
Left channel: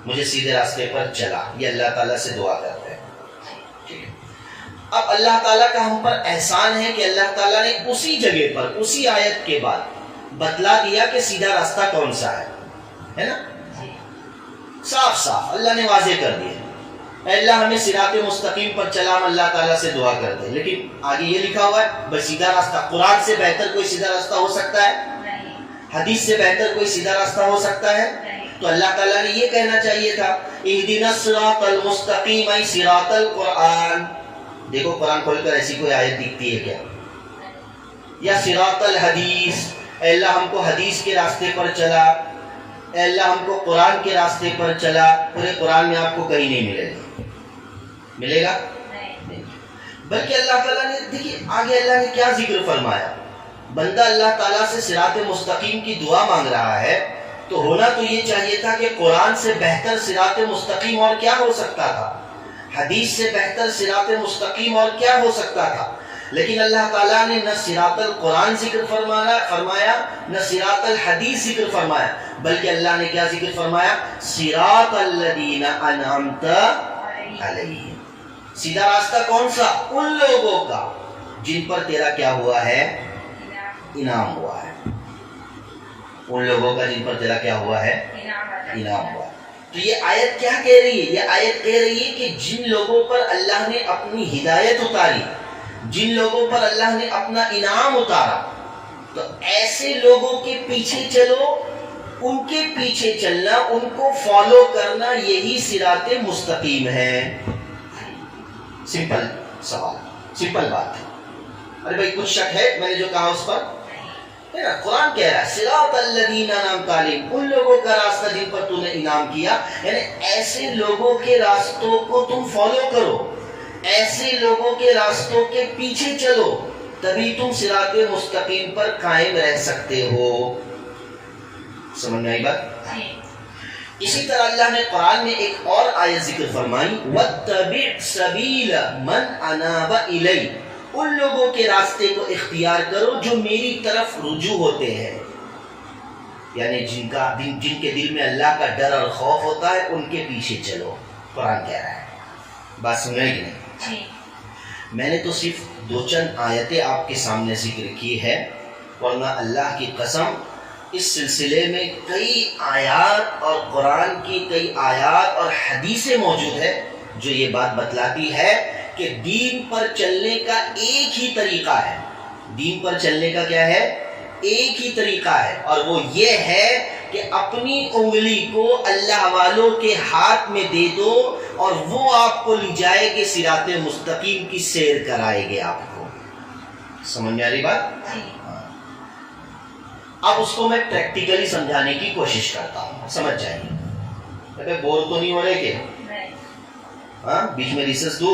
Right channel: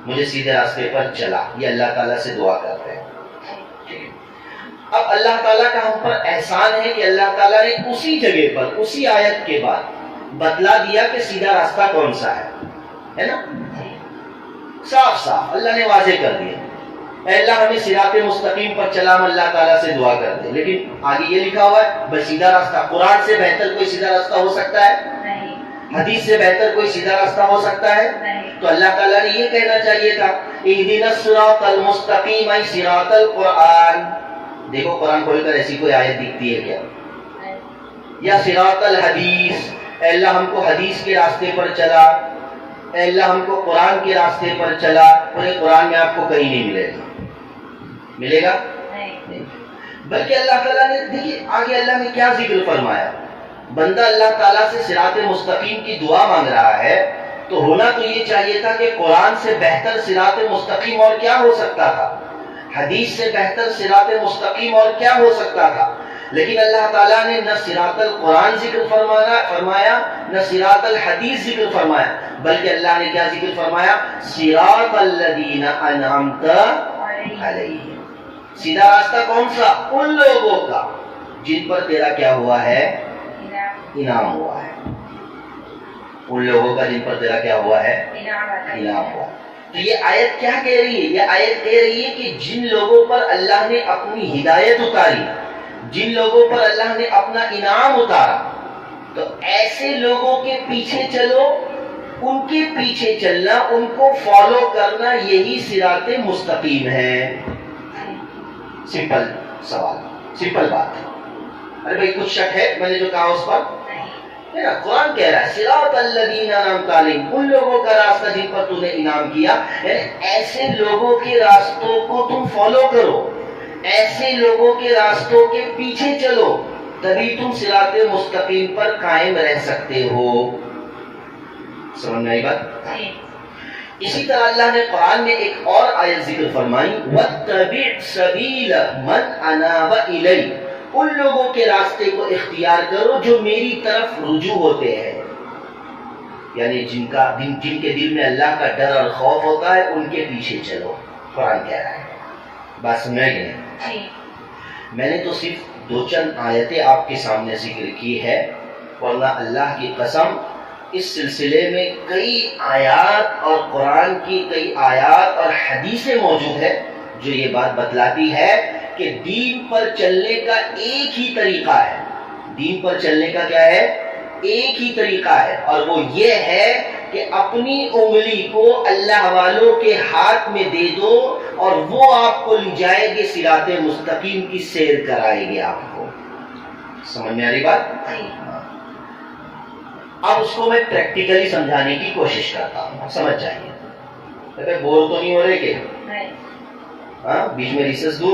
مجھے سیدھے راستے پر چلا. یہ اللہ تعالیٰ سے دعا کرتے ہیں. اب اللہ تعالیٰ کا ہم پر احسان ہے کہ اللہ تعالیٰ نے اسی جگہ پر اسی آیت کے بعد بتلا دیا کہ سیدھا راستہ کون سا ہے نا. صاف صاف اللہ نے واضح کر دیا. اے اللہ ہمیں صراط مستقیم پر چلا، ہم اللہ تعالیٰ سے دعا کرتے ہیں. لیکن آگے یہ لکھا ہوا ہے بس سیدھا راستہ، قرآن سے بہتر کوئی سیدھا راستہ ہو سکتا ہے؟ حدیث سے بہتر کوئی سیدھا راستہ ہو سکتا ہے؟ تو اللہ تعالیٰ نے یہ کہنا چاہیے تھا اہدنا الصراط المستقیم ای صراط القرآن. دیکھو قرآن کھول کر ایسی کوئی آیت دکھتی ہے کیا؟ یا صراط الحدیث، اے اللہ ہم کو حدیث کے راستے پر چلا، اے اللہ ہم کو قرآن کے راستے پر چلا. پورے قرآن میں آپ کو کہیں نہیں ملے گا. ملے گا نہیں. بلکہ اللہ تعالیٰ نے دیکھیے آگے اللہ نے کیا ذکر فرمایا. بندہ اللہ تعالیٰ سے صراط مستقیم کی دعا مانگ رہا ہے تو ہونا تو یہ چاہیے تھا کہ قرآن سے بہتر صراط مستقیم اور کیا ہو سکتا تھا، حدیث سے بہتر صراط مستقیم اور کیا ہو سکتا تھا. لیکن اللہ تعالیٰ نے نہ صراط القرآن ذکر فرمایا نہ صراط الحدیث ذکر فرمایا، بلکہ اللہ نے کیا ذکر فرمایا؟ صراط الذین انعمت علیہم. سیدھا راستہ کون سا؟ ان لوگوں کا جن پر تیرا کیا ہوا ہے؟ انعام ہوا ہے. ان لوگوں کا جن پر تیرا کیا ہوا ہے؟ انعام ہوا. تو یہ آیت کیا کہہ رہی ہے؟ یہ آیت کہہ رہی ہے کہ جن لوگوں پر اللہ نے اپنی ہدایت اتاری، جن لوگوں پر اللہ نے اپنا انعام اتارا، تو ایسے لوگوں کے پیچھے چلو، ان کے پیچھے چلنا، ان کو فالو کرنا، یہی صراط مستقیم ہے. سمپل سوال، سمپل بات ہے. ارے بھائی کچھ شک ہے میں نے جو کہا اس پر؟ ہے نا. قرآن کہہ رہا ہے صراط الذین انعمت علیہم، ان لوگوں کا راستہ جن پر تو نے انعام کیا. یعنی ایسے لوگوں کے راستوں کو تم فالو کرو، ایسے لوگوں کے راستوں کے پیچھے چلو، تبھی تم صراط مستقیم پر قائم رہ سکتے ہو. سمجھ میں آئی بات؟ اسی طرح اللہ نے قرآن میں ایک اور آیت ذکر فرمائی وَاتَّبِعْ سَبِيلَ مَنْ أَنَابَ إِلَيَّ، ان لوگوں کے راستے کو اختیار کرو جو میری طرف رجوع ہوتے ہیں. یعنی جن کے دل میں اللہ کا ڈر اور خوف ہوتا ہے ان کے پیچھے چلو. قرآن کہہ رہا ہے. بات سمجھ رہے کہ نہیں؟ میں نے تو صرف دو چند آیتیں آپ کے سامنے ذکر کی ہے، ورنہ اللہ کی قسم اس سلسلے میں کئی آیات اور قرآن کی کئی آیات اور حدیثیں موجود ہے جو یہ بات بتلاتی ہے کہ دین پر چلنے کا ایک ہی طریقہ ہے. دین پر چلنے کا کیا ہے؟ ایک ہی طریقہ ہے، اور وہ یہ ہے کہ اپنی انگلی کو اللہ والوں کے ہاتھ میں دے دو اور وہ آپ کو لے جائے گے صراط مستقیم کی سیر کرائے گے آپ کو. سمجھ میں آ رہی بات؟ اب اس کو میں پریکٹیکلی سمجھانے کی کوشش کرتا ہوں، سمجھ جائیے. بور تو نہیں ہو رہے کہ ہاں بیچ میں ریسس دو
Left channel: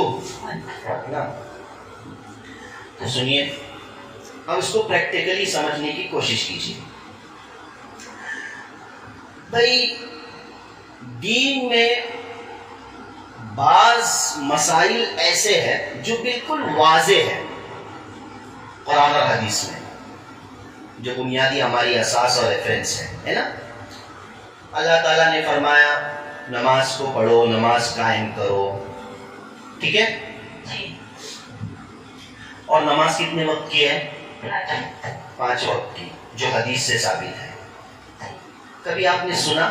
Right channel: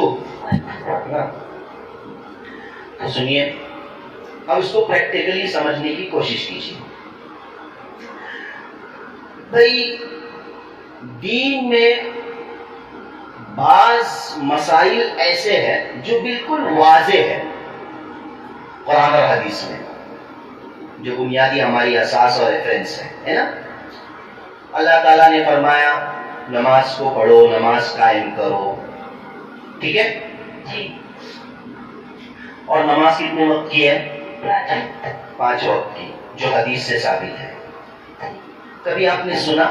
نا. تو سنیے اب اس کو پریکٹیکلی سمجھنے کی کوشش کیجیے. بھائی دین میں بعض مسائل ایسے ہیں جو بالکل واضح ہے قرآن اور حدیث میں، جو بنیادی ہماری اساس اور ریفرنس ہے نا. اللہ تعالیٰ نے فرمایا نماز کو پڑھو، نماز قائم کرو، ٹھیک ہے جی. اور نماز کتنے وقت کی ہے؟ 5 وقت کی، جو حدیث سے ثابت ہے. کبھی آپ نے سنا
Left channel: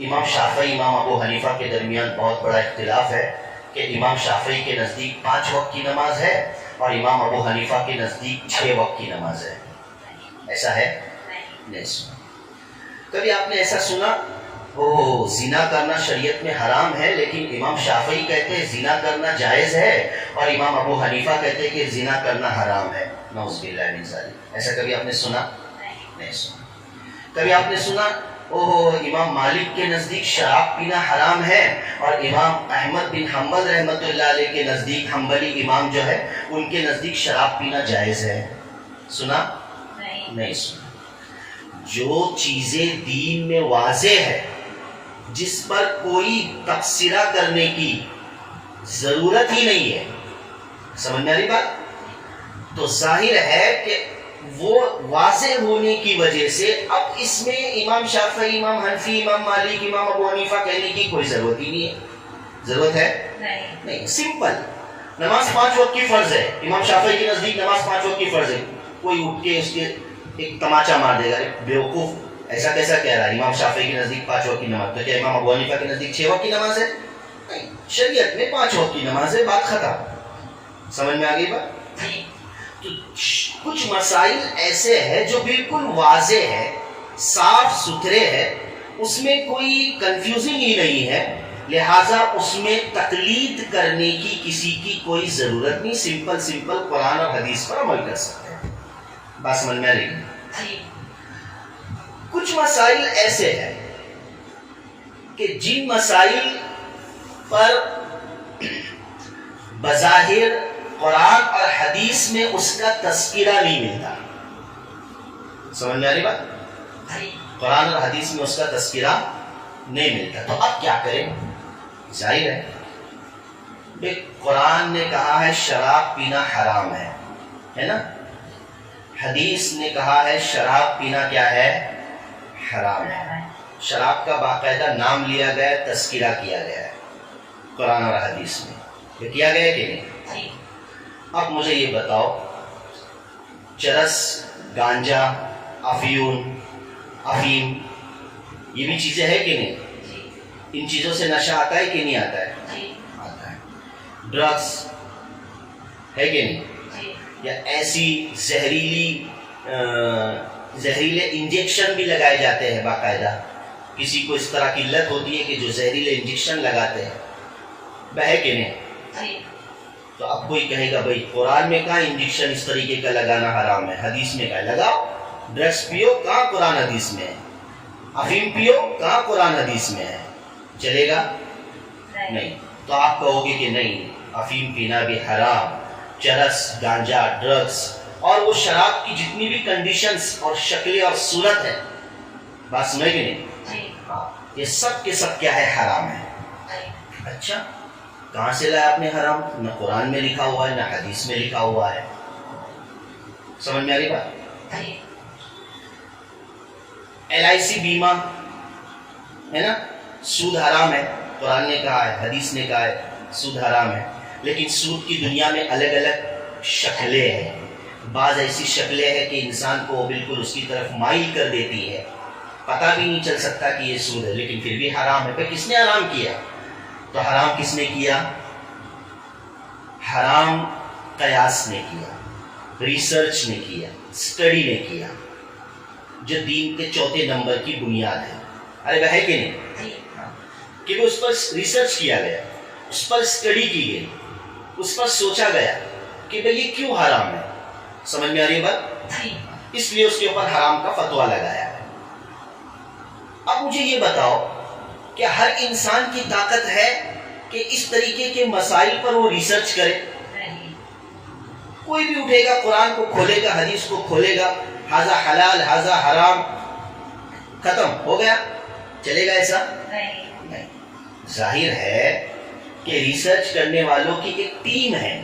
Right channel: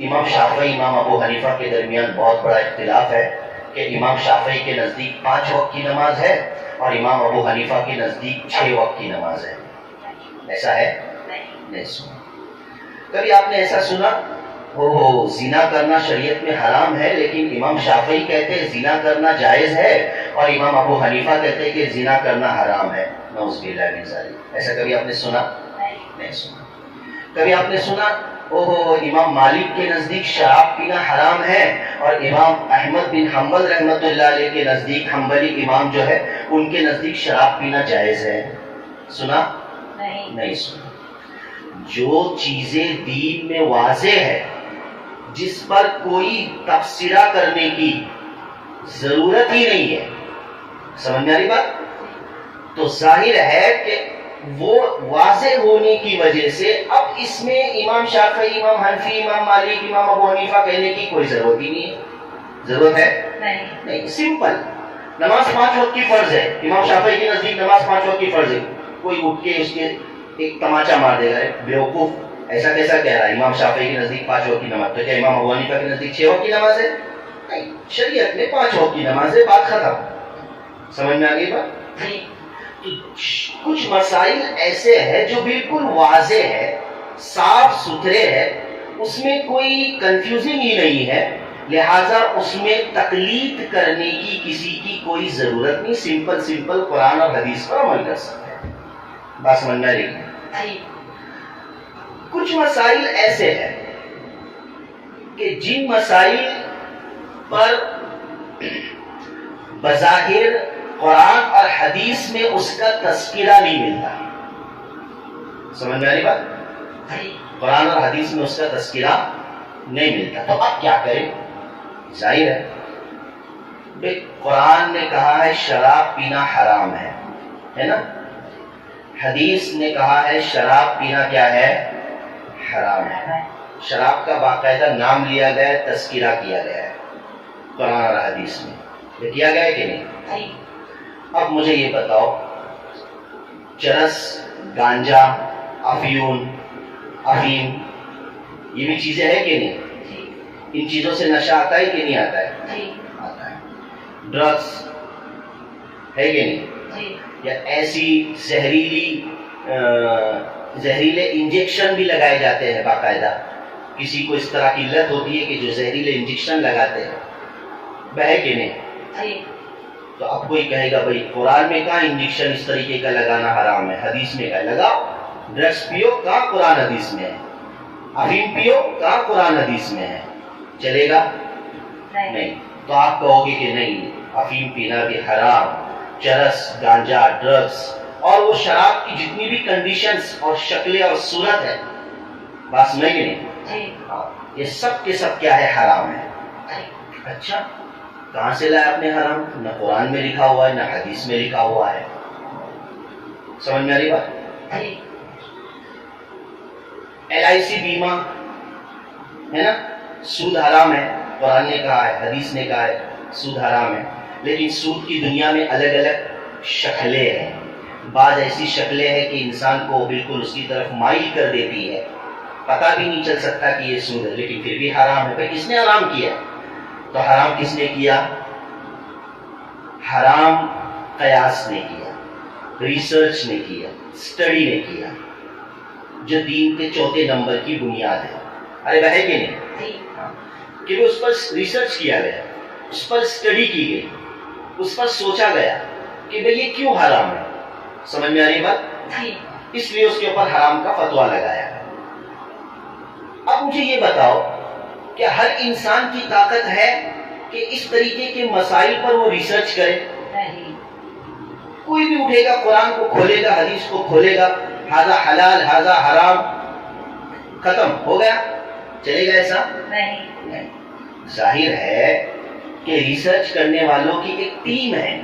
امام شافعی امام ابو حنیفہ کے درمیان بہت بڑا اختلاف ہے کہ امام شافعی کے نزدیک 5 وقت کی نماز ہے اور امام ابو حنیفہ کے نزدیک 6 وقت کی نماز ہے؟ ایسا ہے؟ نہیں سنا. کبھی آپ نے ایسا سنا زنا کرنا شریعت میں حرام ہے لیکن امام شافعی کہتے ہیں زنا کرنا جائز ہے اور امام ابو حنیفہ کہتے ہیں کہ زنا کرنا حرام ہے؟ نعوذ باللہ من ذالک. ایسا کبھی آپ نے سنا؟ نہیں سنا. کبھی آپ نے سنا امام مالک کے نزدیک شراب پینا حرام ہے اور امام احمد بن حنبل رحمۃ اللہ علیہ کے نزدیک، حنبلی امام جو ہے ان کے نزدیک شراب پینا جائز ہے؟ سنا؟ نہیں سنا. جو چیزیں دین میں واضح ہے، جس پر کوئی تبصرہ کرنے کی ضرورت ہی نہیں ہے، سمجھ میں آ رہی بات؟ تو ظاہر ہے کہ وہ واضح ہونے کی وجہ سے اب اس میں امام شافعی، امام حنفی، امام مالک، امام ابو حنیفہ کہنے کی کوئی ضرورت ہی نہیں ہے. ضرورت ہے نہیں. سمپل نماز 5 وقت کی فرض ہے. امام شافعی کے نزدیک نماز 5 وقت کی فرض ہے. کوئی اٹھ کے اس کے ایک تماچا مار دے گا، بیوقوف ایسا کیسا کہہ رہا ہے امام شافعی کے نزدیک 5 وقت کی نماز؟ تو کیا امام ابو حنیفہ کے نزدیک 6 وقت کی نماز ہے؟ نہیں، شریعت میں 5 وقت کی نماز ہے، بات ختم. سمجھ میں آ گئی بات؟ کچھ مسائل ایسے ہیں جو بالکل واضح ہے، صاف ستھرے ہے، اس میں کوئی کنفیوزنگ ہی نہیں ہے، لہٰذا اس میں تقلید کرنے کی کسی کی کوئی ضرورت نہیں. سمپل قرآن اور حدیث پر عمل کر سکتے ہیں. بات سمجھ میں آ رہی ہے؟ کچھ مسائل ایسے ہیں کہ جن مسائل پر بظاہر قرآن اور حدیث میں اس کا تذکرہ نہیں ملتا. سمجھ میں آ رہی بات؟ قرآن اور حدیث میں اس کا تذکرہ نہیں ملتا. تو اب کیا کریں؟ ظاہر ہے قرآن نے کہا ہے شراب پینا حرام ہے نا؟ حدیث نے کہا ہے شراب پینا کیا ہے؟ حرام ہے. شراب کا باقاعدہ نام لیا گیا ہے، تذکرہ کیا گیا ہے قرآن اور حدیث میں. یہ کیا گیا ہے کہ نہیں؟ اب مجھے یہ بتاؤ، چرس، گانجا، افیون، افیم، یہ بھی چیزیں ہیں کہ نہیں؟ ان چیزوں سے نشہ آتا ہے کہ نہیں آتا ہے؟ آتا ہے. ڈرگس ہے کہ نہیں؟ یا ایسی زہریلے انجیکشن بھی لگائے جاتے ہیں باقاعدہ. کسی کو اس طرح کی لت ہوتی ہے کہ جو زہریلے انجیکشن لگاتے ہیں، ہے کہ نہیں؟ تو اب کوئی کہے گا بھائی قرآن میں کہاں انجیکشن اس طریقے کا لگانا حرام ہے، حدیث میں کہا لگاؤ. ڈرگس پیو، کہاں قرآن حدیث میں ہے؟ افیم پیو، کہاں قرآن حدیث میں ہے؟ چلے گا؟ نہیں. تو آپ کہو گے کہ نہیں، افیم پینا بھی حرام، چرس، گانجا، ڈرگس اور وہ شراب کی جتنی بھی کنڈیشنز اور شکلیں اور صورت ہے، بات سمجھ گے نہیں؟ یہ سب کے سب کیا ہے؟ حرام ہے. اچھا، کہاں سے لایا آپ نے حرام؟ نہ قرآن میں لکھا ہوا ہے نہ حدیث میں لکھا ہوا ہے. سمجھ میں آ رہی بات؟ LIC بیمہ ہے نا، سود حرام ہے. قرآن نے کہا ہے، حدیث نے کہا ہے سود حرام ہے. لیکن سود کی دنیا میں الگ الگ شکلیں ہیں. بعض ایسی شکلیں ہیں کہ انسان کو بالکل اس کی طرف مائل کر دیتی ہے، پتہ بھی نہیں چل سکتا کہ یہ سود ہے، لیکن پھر بھی حرام ہے. پھر کس نے حرام کیا؟ تو حرام کس نے کیا؟ حرام قیاس نے کیا، ریسرچ نے کیا، اسٹڈی نے کیا، جو دین کے 4 نمبر کی بنیاد ہے. ارے وہ ہے کہ نہیں؟ کہ اس پر ریسرچ کیا گیا، اس پر اسٹڈی کی گئی، اس پر سوچا گیا کہ بھئی یہ کیوں حرام ہے. سمجھ میں آ رہی ہے بات؟ اس لیے اس کے اوپر حرام کا فتویٰ لگایا. اب مجھے یہ بتاؤ کہ ہر انسان کی طاقت ہے کہ اس طریقے کے مسائل پر وہ ریسرچ کرے؟ کوئی بھی اٹھے گا، قرآن کو کھولے گا، حدیث کو کھولے گا، ہذا حلال ہذا حرام، ختم ہو گیا. چلے گا ایسا؟ نہیں. ظاہر ہے کہ ریسرچ کرنے والوں کی ایک ٹیم ہے،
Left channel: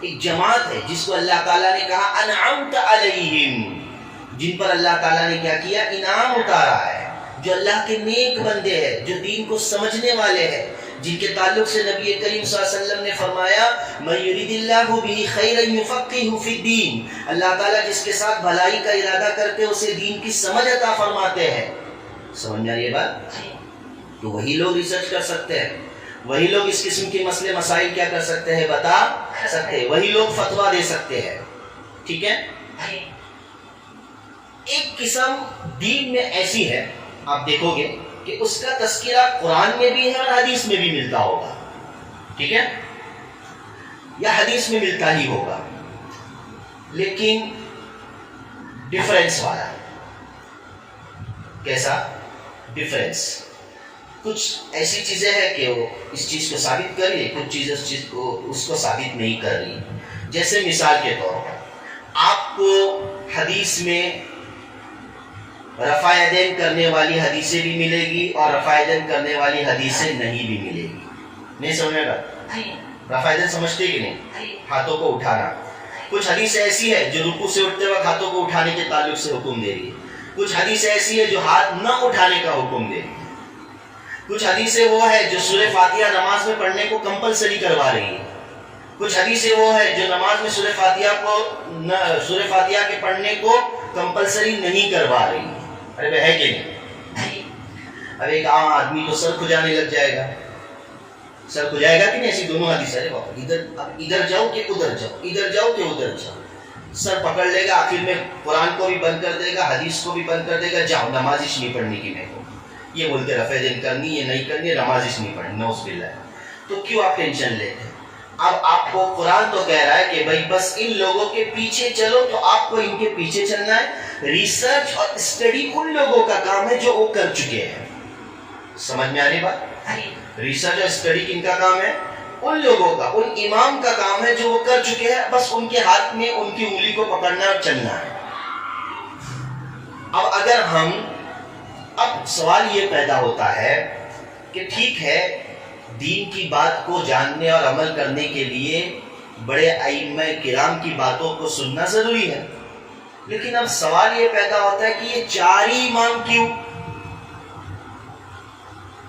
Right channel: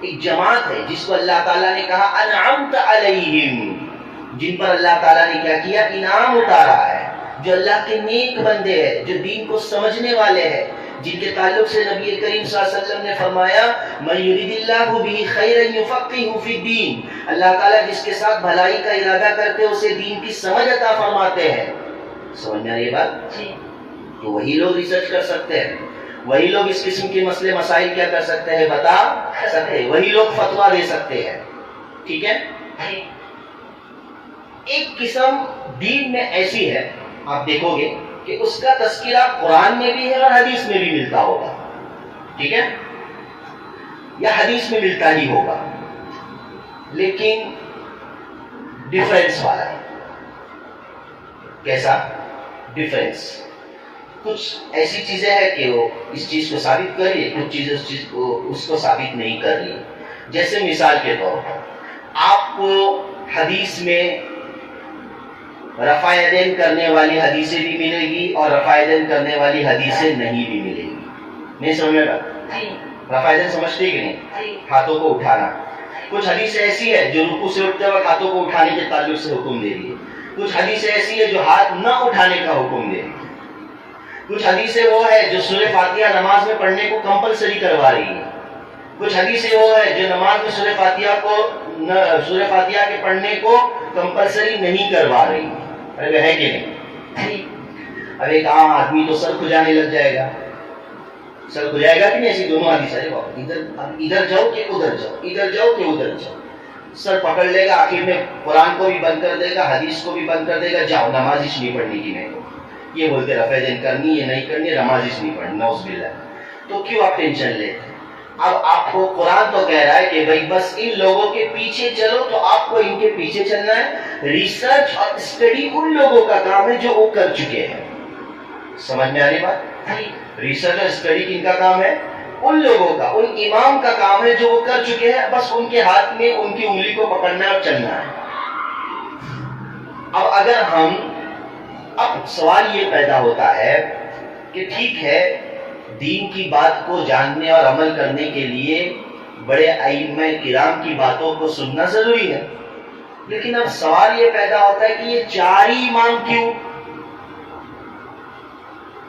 ایک جماعت ہے، جس کو اللہ تعالیٰ نے کہا انعمت علیہم، جن پر اللہ تعالیٰ نے کیا کیا؟ انعام اتارا ہے. جو اللہ کے نیک بندے ہیں، جو دین کو سمجھنے والے ہیں، جن کے تعلق سے نبی کریم صلی اللہ علیہ وسلم نے فرمایا من یرید اللہ بہ خیرا یفقہہ فی الدین، اللہ تعالیٰ جس کے ساتھ بھلائی کا ارادہ کرتے اسے دین کی سمجھ عطا فرماتے ہیں. سمجھ میں آ رہی ہے بات؟ تو وہی لوگ ریسرچ کر سکتے ہیں، وہی لوگ اس قسم کے مسئلے مسائل کیا کر سکتے ہیں؟ بتا سکتے ہیں، وہی لوگ فتویٰ دے سکتے ہیں. ٹھیک ہے؟ ایک قسم دین میں ایسی ہے، آپ دیکھو گے کہ اس کا تذکرہ قرآن میں بھی ہے اور حدیث میں بھی ملتا ہوگا. ٹھیک ہے؟ یا حدیث میں ملتا ہی ہوگا، لیکن ڈفرینس والا ہے. کیسا ڈفرینس؟ کچھ ایسی چیزیں ہیں کہ وہ اس چیز کو ثابت کر رہی ہے، کچھ چیزیں اس کو ثابت نہیں کر رہی. جیسے مثال کے طور پر آپ کو حدیث میں رفع یدین کرنے والی حدیثیں بھی ملے گی اور رفع یدین کرنے والی حدیثیں نہیں بھی ملے گی. نہیں سمجھ میں بات؟ رفع یدین سمجھتے کہ نہیں؟ ہاتھوں کو اٹھانا. کچھ حدیث ایسی ہے جو رکوع سے اٹھتے وقت ہاتھوں کو اٹھانے کے تعلق سے حکم دے رہی ہے. کچھ حدیث ایسی ہے جو ہاتھ نہ اٹھانے کا حکم دے رہی ہے. کچھ حدیثیں وہ ہے جو سورہ فاتحہ نماز میں پڑھنے کو کمپلسری کروا رہی ہے. کچھ حدیثیں وہ ہے جو نماز میں سورہ فاتحہ کے پڑھنے کو کمپلسری نہیں کروا رہی ہے. ارے وہ ہے کہ نہیں؟ اب ایک عام آدمی تو سر کھجانے لگ جائے گا. سر کھجائے گا کہ نہیں؟ ایسی دونوں حدیث ہے. ادھر جاؤ کہ ادھر جاؤ، ادھر جاؤ کہ ادھر جاؤ. سر پکڑ لے گا، آخر میں قرآن کو بھی بند کر دے گا، حدیث کو بھی بند کر دے گا. جاؤ نماز ہی نہیں پڑھنے کی میرے کو. یہ بولتے رفع یدین کرنی ہے نہیں کرنی، نماز ہی نہیں پڑھنی. نعوذ باللہ. تو کیوں آپ ٹینشن لیتے ہیں؟ اب آپ کو قرآن تو کہہ رہا ہے کہ بھائی بس ان لوگوں کے پیچھے چلو، تو آپ کو ان کے پیچھے چلنا ہے. ریسرچ اور اسٹڈی ان لوگوں کا کام ہے جو وہ کر چکے ہیں. سمجھ میں آنے بات؟ ریسرچ اور اسٹڈی کن کا کام ہے؟ ان لوگوں کا، ان امام کا کام ہے جو وہ کر چکے ہیں. بس ان کے ہاتھ میں ان کی انگلی کو پکڑنا اور چلنا ہے. اب اگر اب سوال یہ پیدا ہوتا ہے کہ ٹھیک ہے، دین کی بات کو جاننے اور عمل کرنے کے لیے بڑے ائمہ کرام کی باتوں کو سننا ضروری ہے، لیکن اب سوال یہ پیدا ہوتا ہے کہ یہ چار ہی امام کیوں؟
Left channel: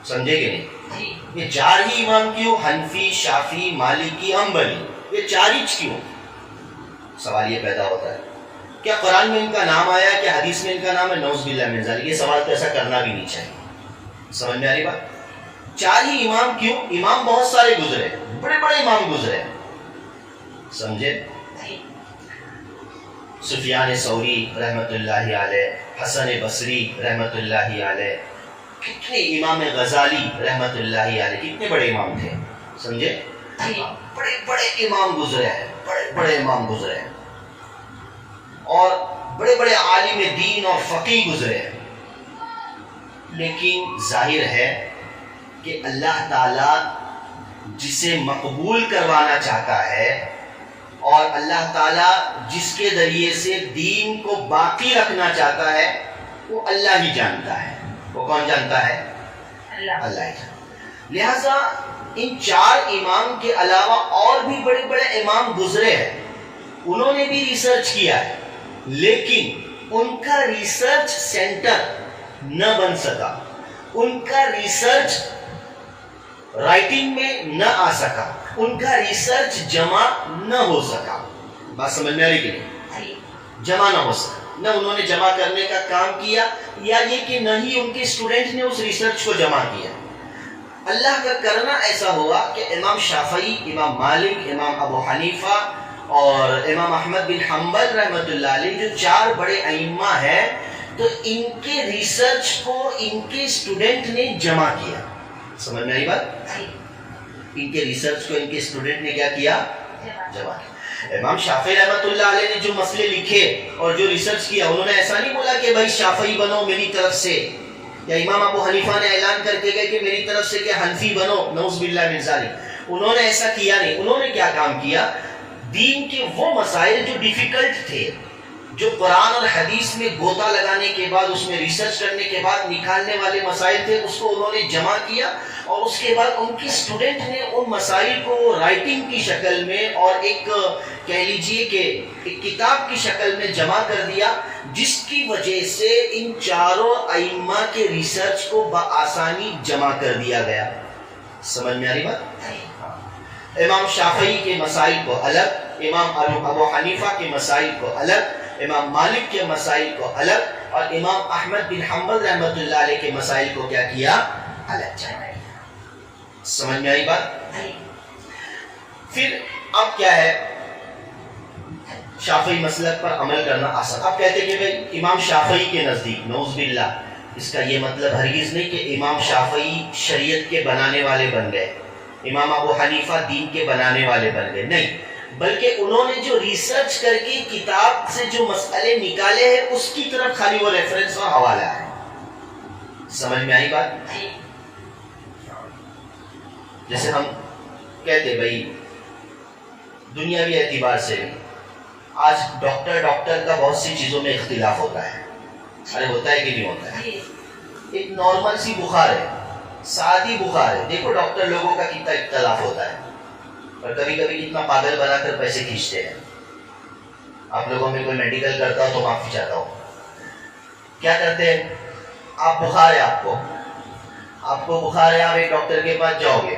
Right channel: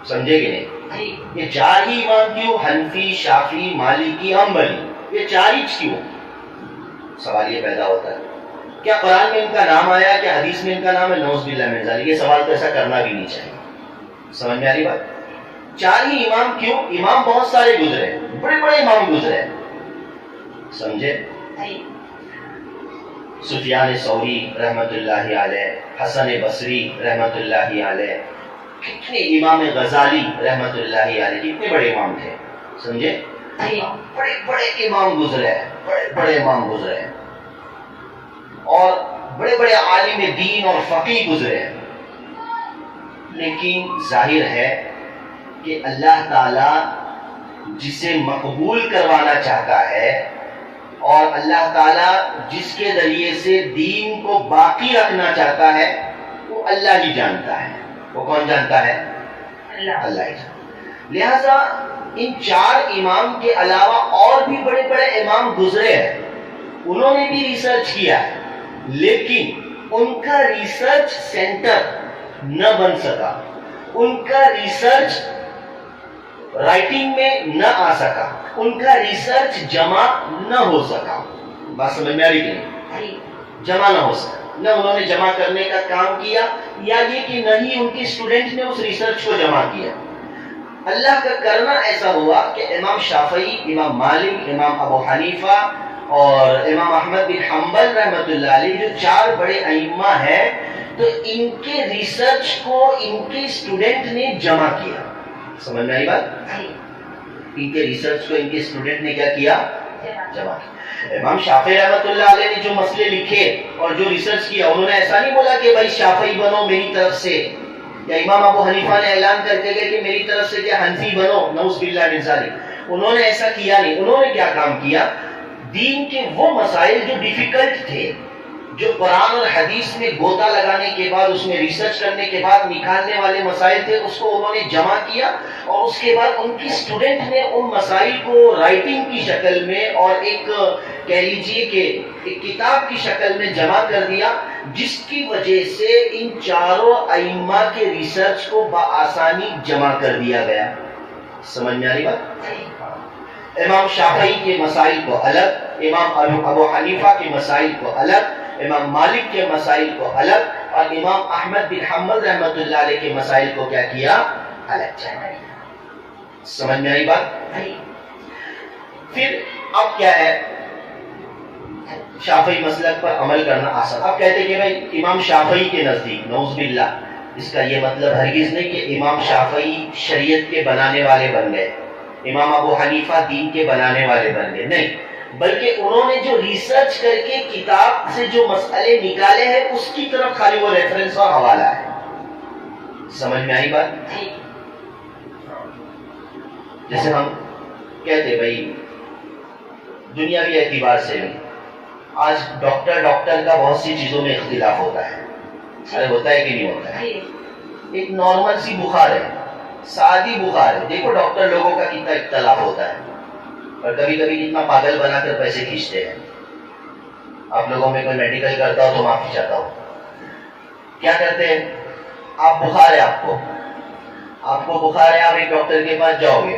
سمجھے کہ نہیں؟ یہ چار ہی امام کیوں؟ حنفی، شافعی، مالکی، حنبلی، یہ چار ہی کیوں؟ سوال یہ پیدا ہوتا ہے. کیا قرآن میں ان کا نام آیا؟ کیا حدیث میں ان کا نام ہے؟ نعوذ باللہ من ذالک. یہ سوال تو ایسا کرنا بھی نہیں چاہیے. سمجھ میں آ رہی بات؟ چار ہی امام کیوں؟ امام بہت سارے گزرے، بڑے بڑے امام گزرے. سمجھے؟ سفیان ثوری رحمت اللہ علیہ، حسن بصری رحمت اللہ علیہ، کتنے امام غزالی رحمت اللہ علیہ، کتنے بڑے امام تھے. سمجھے؟ بڑے بڑے امام گزرے، بڑے بڑے امام گزرے، اور بڑے بڑے عالم دین اور فقیہ گزرے. لیکن ظاہر ہے کہ اللہ تعالی جسے مقبول کروانا چاہتا ہے اور اللہ تعالی جس کے ذریعے سے دین کو باقی رکھنا چاہتا ہے وہ اللہ ہی جانتا ہے. وہ کون جانتا ہے؟ اللہ ہی جانتا. لہذا ان چار امام کے علاوہ اور بھی بڑے بڑے امام گزرے ہیں، انہوں نے بھی ریسرچ کیا ہے، لیکن ان کا ریسرچ سینٹر نہ بن سکا، ان کا ریسرچ رائٹنگ میں نہ آ سکا، ان کا ریسرچ جمع نہ ہو سکا. بات سمجھ میں آ رہی کہ نہیں؟ جمع نہ ہو سکا. نہ انہوں نے جمع کرنے کا کام کیا، یا یہ کہ نہ ہی ان کے اسٹوڈنٹ نے اس ریسرچ کو جمع کیا. اللہ کا کرنا ایسا ہوا کہ امام شافعی، امام مالک، امام ابو حنیفہ اور امام احمد بن حنبل رحمۃ اللہ علیہ جو چار بڑے ائمہ ہیں، تو ان کے ریسرچ کو ان کے اسٹوڈنٹ نے جمع کیا. سمجھ میں آئی بات؟ ان کے ریسرچ کو ان کے اسٹوڈنٹ نے کیا کیا؟ جمع کیا. امام شافعی رحمۃ اللہ علیہ نے جو مسئلے لکھے اور جو ریسرچ کیا، انہوں نے ایسا نہیں بولا کہ بھائی شافعی بنو میری طرف سے، یا امام ابو حنیفہ نے اعلان کر کے گئے کہ میری طرف سے کہ حنفی بنو، نعوذ باللہ من ذالک. انہوں نے ایسا کیا نہیں. انہوں نے کیا کام کیا؟ دین کے وہ مسائل جو ڈیفیکلٹ تھے، جو قرآن اور حدیث میں گوتا لگانے کے بعد، اس میں ریسرچ کرنے کے بعد نکالنے والے مسائل تھے، اس کو انہوں نے جمع کیا، اور اس کے بعد ان کی اسٹوڈنٹ نے ان مسائل کو رائٹنگ کی شکل میں اور ایک کہہ لیجئے کہ ایک کتاب کی شکل میں جمع کر دیا، جس کی وجہ سے ان چاروں ائمہ کے ریسرچ کو بآسانی جمع کر دیا گیا. سمجھ میں آ رہی بات؟ امام شافعی کے مسائل کو الگ، امام ابو حنیفہ کے مسائل کو الگ، امام مالک کے مسائل کو الگ، اور امام احمد بن حنبل رحمۃ اللہ علیہ کے مسائل کو کیا کیا؟ الگ. سمجھ میں آئی بات؟ پھر اب کیا ہے؟ شافعی مسلک پر عمل کرنا آسان. اب کہتے کہ بھائی امام شافعی کے نزدیک، نعوذ باللہ، اس کا یہ مطلب ہرگز نہیں کہ امام شافعی شریعت کے بنانے والے بن گئے، امام ابو حنیفہ دین کے بنانے والے بن گئے، نہیں، بلکہ انہوں نے جو ریسرچ کر کے کتاب سے جو مسئلے نکالے ہیں اس کی طرف خالی وہ ریفرنس اور حوالہ ہے. سمجھ میں آئی بات؟ جیسے ہم کہتے بھائی دنیاوی اعتبار سے بھی آج ڈاکٹر کا بہت سی چیزوں میں اختلاف ہوتا ہے. ارے ہوتا ہے کہ نہیں ہوتا ہے؟ ایک نارمل سی بخار ہے، سادی بخار ہے، دیکھو ڈاکٹر لوگوں کا کتنا اختلاف ہوتا ہے. اور کبھی کبھی اتنا پاگل بنا کر پیسے کھینچتے ہیں. آپ لوگوں میں کوئی میڈیکل کرتا ہو تو معافی چاہتا ہوں. کیا کرتے ہیں؟ آپ بخار ہے، آپ کو بخار ہے، آپ ایک ڈاکٹر کے پاس جاؤ گے،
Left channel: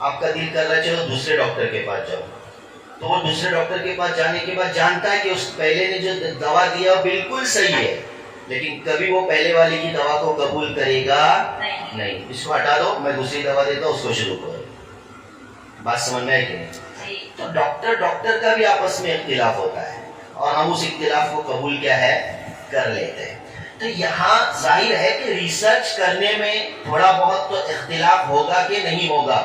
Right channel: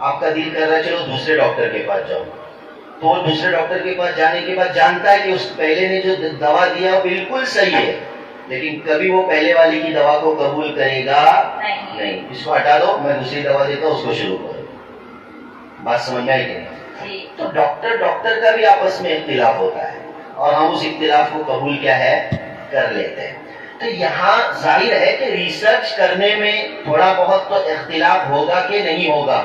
آپ کا دل کر رہا ہے چلو دوسرے ڈاکٹر کے پاس جاؤ، تو وہ دوسرے ڈاکٹر کے پاس جانے کے بعد جانتا ہے کہ اس پہلے نے جو دوا دیا وہ بالکل صحیح ہے، لیکن کبھی وہ پہلے والی کی دوا کو قبول کرے گا نہیں. اس کو ہٹا دو، میں دوسری دوا دیتا ہوں، اس کو شروع کرو. بات سمجھ میں آئی کہ نہیں؟ تو ڈاکٹر کا بھی آپس میں اختلاف ہوتا ہے اور ہم اس اختلاف کو قبول کیا ہے کر لیتے ہیں. تو یہاں ظاہر ہے کہ ریسرچ کرنے میں تھوڑا بہت تو اختلاف ہوگا کہ نہیں ہوگا؟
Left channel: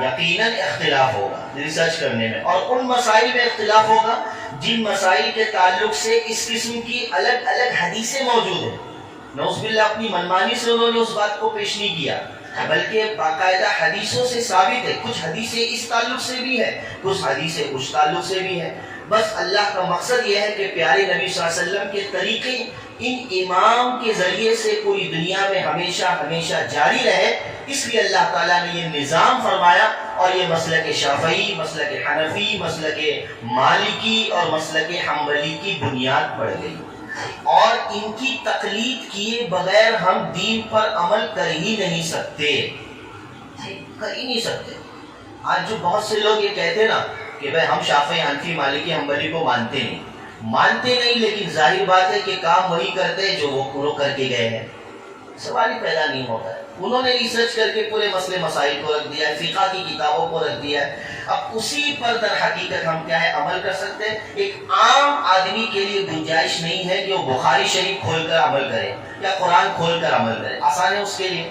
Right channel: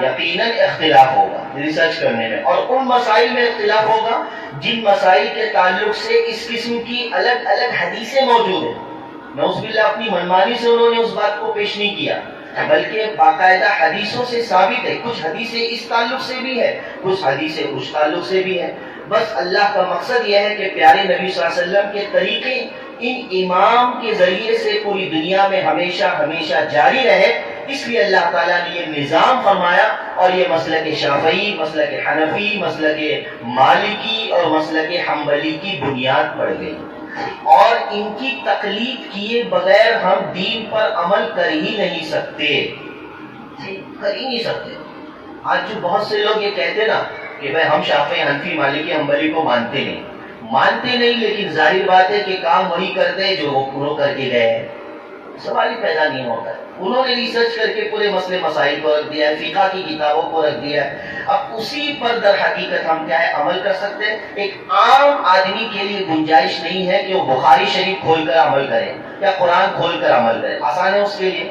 یقیناً اختلاف ہوگا ریسرچ کرنے میں، اور ان مسائل میں اختلاف ہوگا جن مسائل کے تعلق سے اس قسم کی الگ الگ حدیثیں موجود ہیں. نعوذ باللہ اپنی منمانی سے انہوں نے اس بات کو پیش نہیں کیا، بلکہ باقاعدہ حدیثوں سے ثابت ہے. کچھ حدیثیں اس تعلق سے بھی ہے، کچھ حدیثیں اس تعلق سے بھی ہے. بس اللہ کا مقصد یہ ہے کہ پیارے نبی صلی اللہ علیہ وسلم کے طریقے ان امام کے ذریعے سے پوری دنیا میں ہمیشہ ہمیشہ جاری رہے. اس لیے اللہ تعالیٰ نے یہ نظام فرمایا، اور یہ مسلک شافعی، مسلک حنفی، مسلک مالکی اور مسلک حنبلی کی بنیاد پڑ گئی. اور ان کی تقلید کیے بغیر ہم دین پر عمل کر ہی نہیں سکتے، کر ہی نہیں سکتے. آج جو بہت سے لوگ یہ کہتے نا کہ بھائی ہم شافعی، حنفی، مالکی، حنبلی کو مانتے نہیں، لیکن ظاہر بات ہے کہ کام وہی کرتے جو وہ انہوں کر کے گئے ہیں. سوال ہی پیدا نہیں ہوتا ہے. انہوں نے ریسرچ کر کے پورے مسئلے مسائل کو رکھ دیا ہے، فقہ کی کتابوں کو رکھ دیا ہے. اب اسی پر در حقیقت ہم کیا ہے عمل کر سکتے ہیں. ایک عام آدمی کے لیے گنجائش نہیں ہے کہ وہ بخاری شریف کھول کر عمل کرے یا قرآن کھول کر عمل کرے. آسان ہے اس کے لیے؟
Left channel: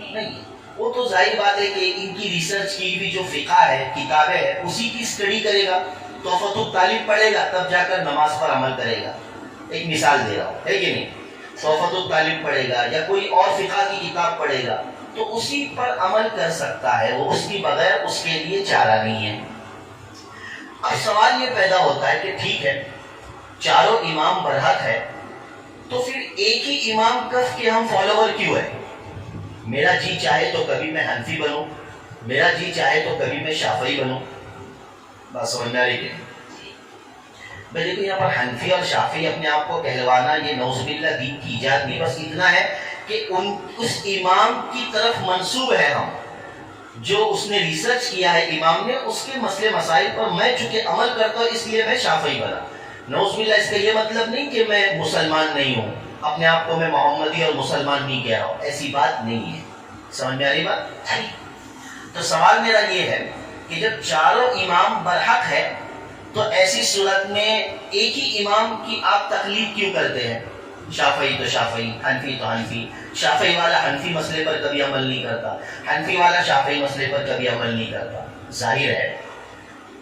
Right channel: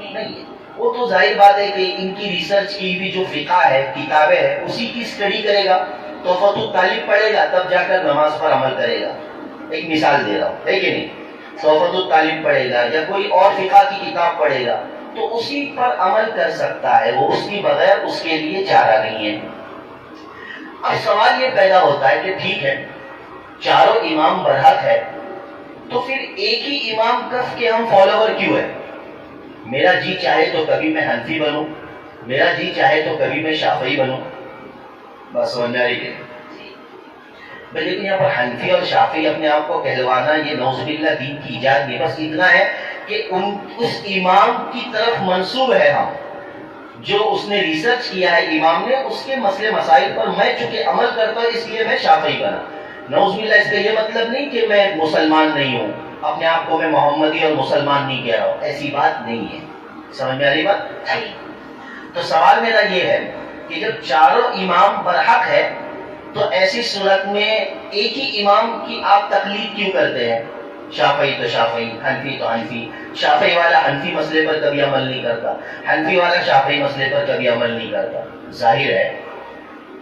نہیں ہے. وہ تو ظاہر بات ہے کہ ان کی ریسرچ کی بھی جو فقہ ہے، کتابیں ہیں، اسی کی اسٹڈی کرے گا، تحفۃ الطالب پڑھے گا، تب جا کر نماز پر عمل کرے گا. ایک مثال دے رہا ہوں، ہے کہ نہیں؟ تحفۃ الطالب پڑھے گا یا کوئی اور فقہ کی کتاب پڑھے گا تو اسی پر عمل کر سکتا ہے، وہ اس کی بغیر اس کے لیے چارہ نہیں ہے. اب سوال یہ پیدا ہوتا ہے کہ ٹھیک ہے چاروں امام برحق ہے، تو پھر ایک ہی امام کف کے ہم فالوور کیوں ہیں؟ میرا جی چاہے تو کبھی میں حنفی بنوں، میرا جی چاہے تو کبھی میں شافعی بنوں. بس سمجھ میں آ رہی ہے؟ بھائی لیکن یہاں پر حنفی اور شافعی اپنے آپ کو کہلوانا یہ نعوذ باللہ دین کی ایجاد نہیں. بس اتنا ہے کہ اس امام کی طرف منسوب ہے ہم، جو اس نے ریسرچ کیا ہے امام نے، اس کے مسئلے مسائل پر میں چونکہ عمل کرتا ہوں اس لیے میں شافعی بنا. نعوذ باللہ اس کا یہ مطلب نہیں کہ میں مسلمان نہیں ہوں، اپنے آپ کو میں محمدی اور مسلمان نہیں کہہ رہا ہوں، ایسی بات نہیں ہے. سمجھ میں آ رہی بات؟ تو سوال میرا یہ ہے کہ جب چاروں امام برحق ہے تو ایسی صورت میں ایک ہی امام کی آپ تقلید کیوں کرتے ہیں؟ شافعی تو شافعی، حنفی تو حنفی. شافعی والا حنفی مسئلے پر کبھی عمل نہیں کرتا، حنفی والا شافعی مسئلے پر کبھی عمل نہیں کرتا. ظاہر ہے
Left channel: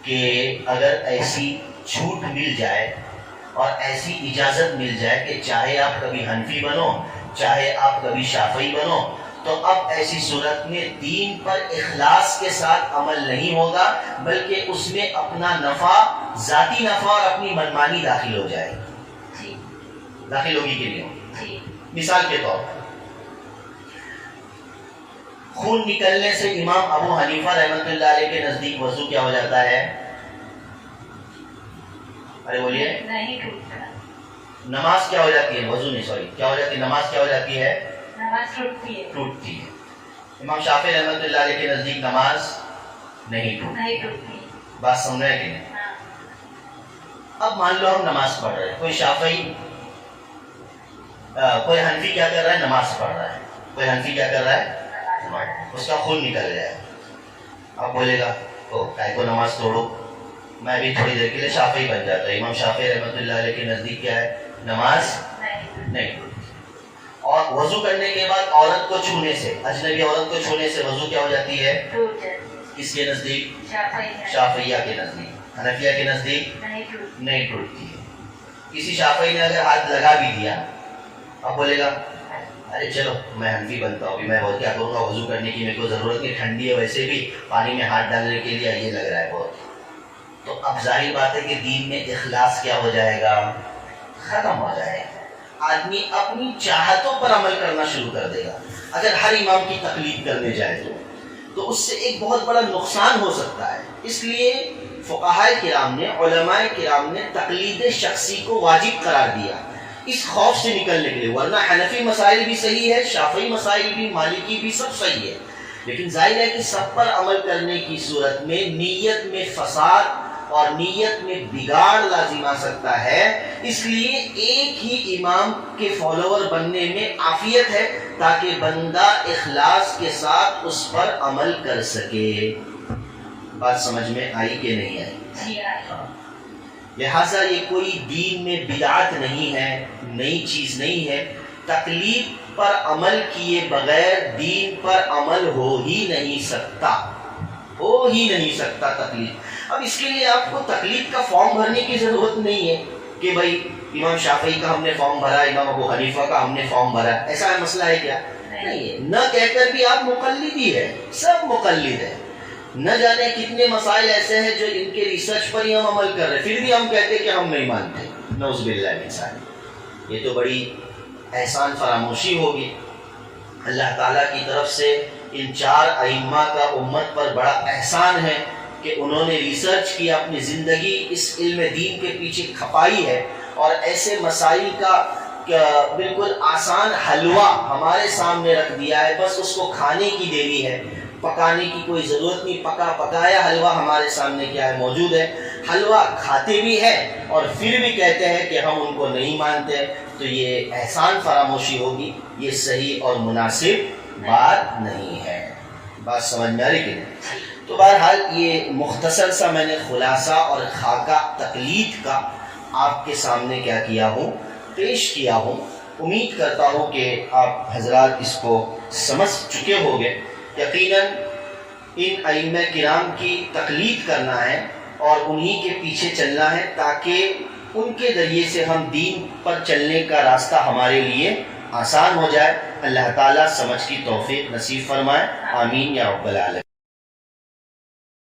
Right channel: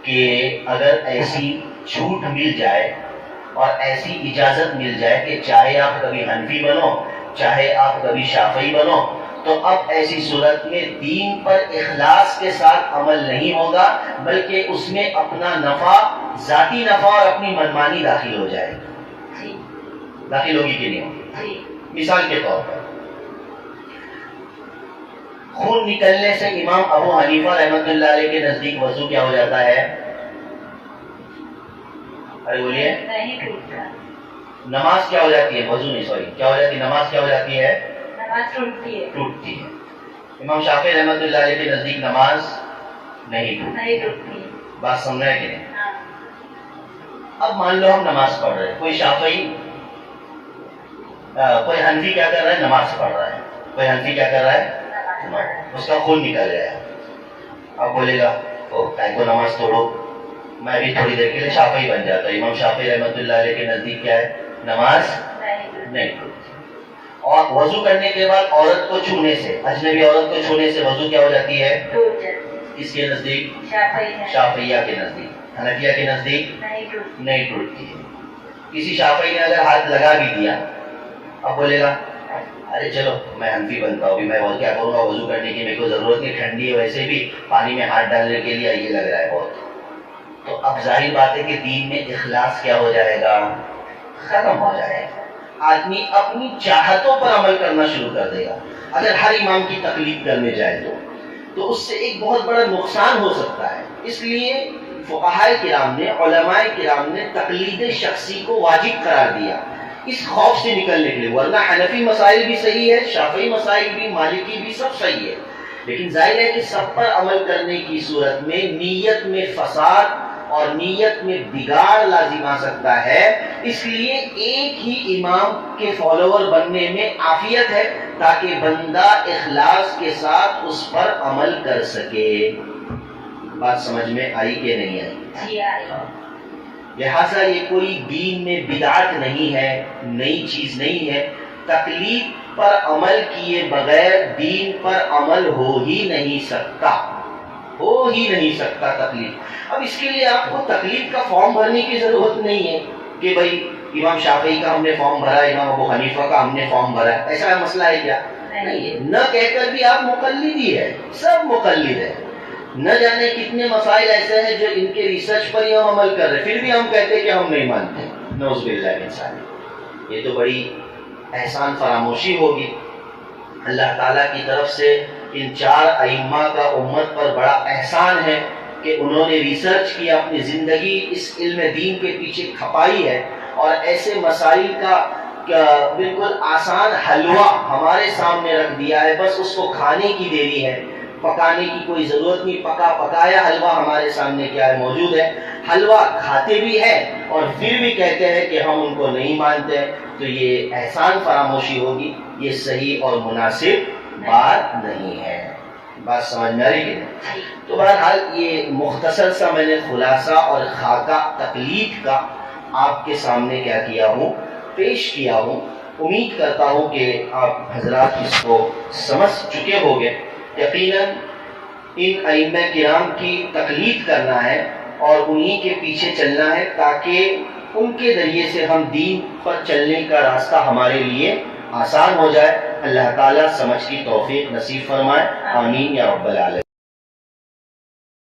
کہ اگر ایسی چھوٹ مل جائے اور ایسی اجازت مل جائے کہ چاہے آپ کبھی حنفی بنو چاہے آپ کبھی شافعی بنو، تو اب ایسی صورت میں دین پر اخلاص کے ساتھ عمل نہیں ہوگا، بلکہ اس میں اپنا نفع، ذاتی نفع اور اپنی منمانی داخل ہو جائے گی. داخل ہوگی کہ نہیں ہوگی؟ مثال کے طور پر خون نکلنے سے امام ابو حنیفہ رحمۃ اللہ علیہ کے نزدیک وضو کیا ہو جاتا ہے؟ ارے بولیے. نہیں ٹوٹتا. نماز کیا ہو جاتی ہے؟ وضو نہیں، سوری، کیا ہو جاتی ہے؟ نماز کیا ہو جاتی ہے؟ نماز ٹوٹتی ہے. ٹوٹتی ہے. امام شافعی رحمۃ اللہ علیہ کے نزدیک نماز نہیں ٹوٹتی. بات سمجھ رہے کہ نہیں؟ اب مان لو ہم نماز پڑھ رہے ہیں، کوئی شافعی کوئی حنفی کیا کر رہا ہے؟ نماز پڑھ رہا ہے. کوئی حنفی کیا کر رہا ہے؟ اس کا خون نکل گیا. اب بولے گا تو کائے کو نماز توڑو، میں بھی تھوڑی دیر کے لیے شافعی بن جاتا ہوں. امام شافعی رحمۃ اللہ علیہ کے نزدیک کیا ہے؟ نماز نہیں ٹوٹتی. اور وضو کرنے کے بعد عورت کو چھونے سے، اجنبی عورت کو چھونے سے وضو کیا ہو جاتی ہے؟ اس کے نزدیک، شافعیہ کے نزدیک، حنفیہ کے نزدیک نہیں ٹوٹتی ہے. کسی شافعی نے اگر ہاتھ لگا بھی دیا، اب بولے گا ارے چلو میں حنفی بنتا ہوں، میں کیا کروں گا، وضو کرنے کی میرے کو ضرورت نہیں، ٹھنڈی ہے ویسے بھی، پانی میں ہاتھ ڈالنے کے لیے یہ لگ رہا ہے بہت. تو اب ظاہر بات ہے کہ دین میں اخلاص کیا ہو جائے گا؟ ختم ہو جائے گا. آدمی اپنی چاہتوں پر عمل کرنا شروع کر دے گا اگر ہر امام کی تقلید کرنے جائے تو. تو اس سے ایک بہت بڑا نقصان ہو سکتا ہے. اس لیے فقہائے کرام نے، علماء کرام نے تقلید شخصی کو واجب قرار دیا اس خوف سے نکلنے کے لیے. ورنہ حنفی مسائل بھی صحیح ہے، شافعی مسائل بھی، مالکی بھی، سب صحیح ہے، لیکن ظاہر ہے کہ سب پر عمل کرنے کی صورت میں نیت میں فساد اور نیت میں بگاڑ لازم آ سکتا ہے. اس لیے ایک ہی امام کے فالوور بننے میں عافیت ہے تاکہ بندہ اخلاص کے ساتھ اس پر عمل کر سکے. بات سمجھ میں آئی کہ نہیں آئی؟ جی آئی. لہٰذا یہ کوئی دین میں بدعت نہیں ہے، نئی چیز نہیں ہے. تقلید پر عمل کیے بغیر دین پر عمل ہو ہی نہیں سکتا، تقلید. اب اس کے لیے آپ کو تقلید کا فارم بھرنے کی ضرورت نہیں ہے کہ بھائی امام شافعی کا ہم نے فارم بھرا، امام ابو حنیفہ کا ہم نے فارم بھرا. ایسا مسئلہ ہے کیا؟ نہیں ہے. نہ کہہ کر بھی آپ مقلد ہی ہے، سب مقلد ہے. نہ جانے کتنے مسائل ایسے ہیں جو ان کے ریسرچ پر ہی ہم عمل کر رہے، پھر بھی ہم کہتے ہیں کہ ہم نہیں مانتے. نعوذ باللہ من ذالک. یہ تو بڑی احسان فراموشی ہوگی. اللہ تعالیٰ کی طرف سے ان 4 ائمہ کا امت پر بڑا احسان ہے کہ انہوں نے ریسرچ کیا، اپنی زندگی اس علم دین کے پیچھے کھپائی ہے اور ایسے مسائل کا بالکل آسان حلوہ ہمارے سامنے رکھ دیا ہے. بس اس کو کھانے کی دیری ہے، پکانے کی کوئی ضرورت نہیں. پکایا حلوہ ہمارے سامنے کیا ہے، موجود ہے. حلوہ کھاتے بھی ہیں اور پھر بھی کہتے ہیں کہ ہم ان کو نہیں مانتے. تو یہ احسان فراموشی ہوگی، یہ صحیح اور مناسب بات نہیں ہے. بات سمجھ میں آ رہی ہے؟ تو بہرحال یہ مختصر سا میں نے خلاصہ اور خاکہ تقلید کا آپ کے سامنے کیا کیا ہوں، پیش کیا ہوں. امید کرتا ہوں کہ آپ حضرات اس کو سمجھ چکے ہوگے. یقیناً ان ائمہ کرام کی تقلید کرنا ہے اور انہی کے پیچھے چلنا ہے تاکہ ان کے ذریعے سے ہم دین پر چلنے کا راستہ ہمارے لیے آسان ہو جائے. اللہ تعالیٰ سمجھ کی توفیق نصیب فرمائے. آمین یا رب العالمین.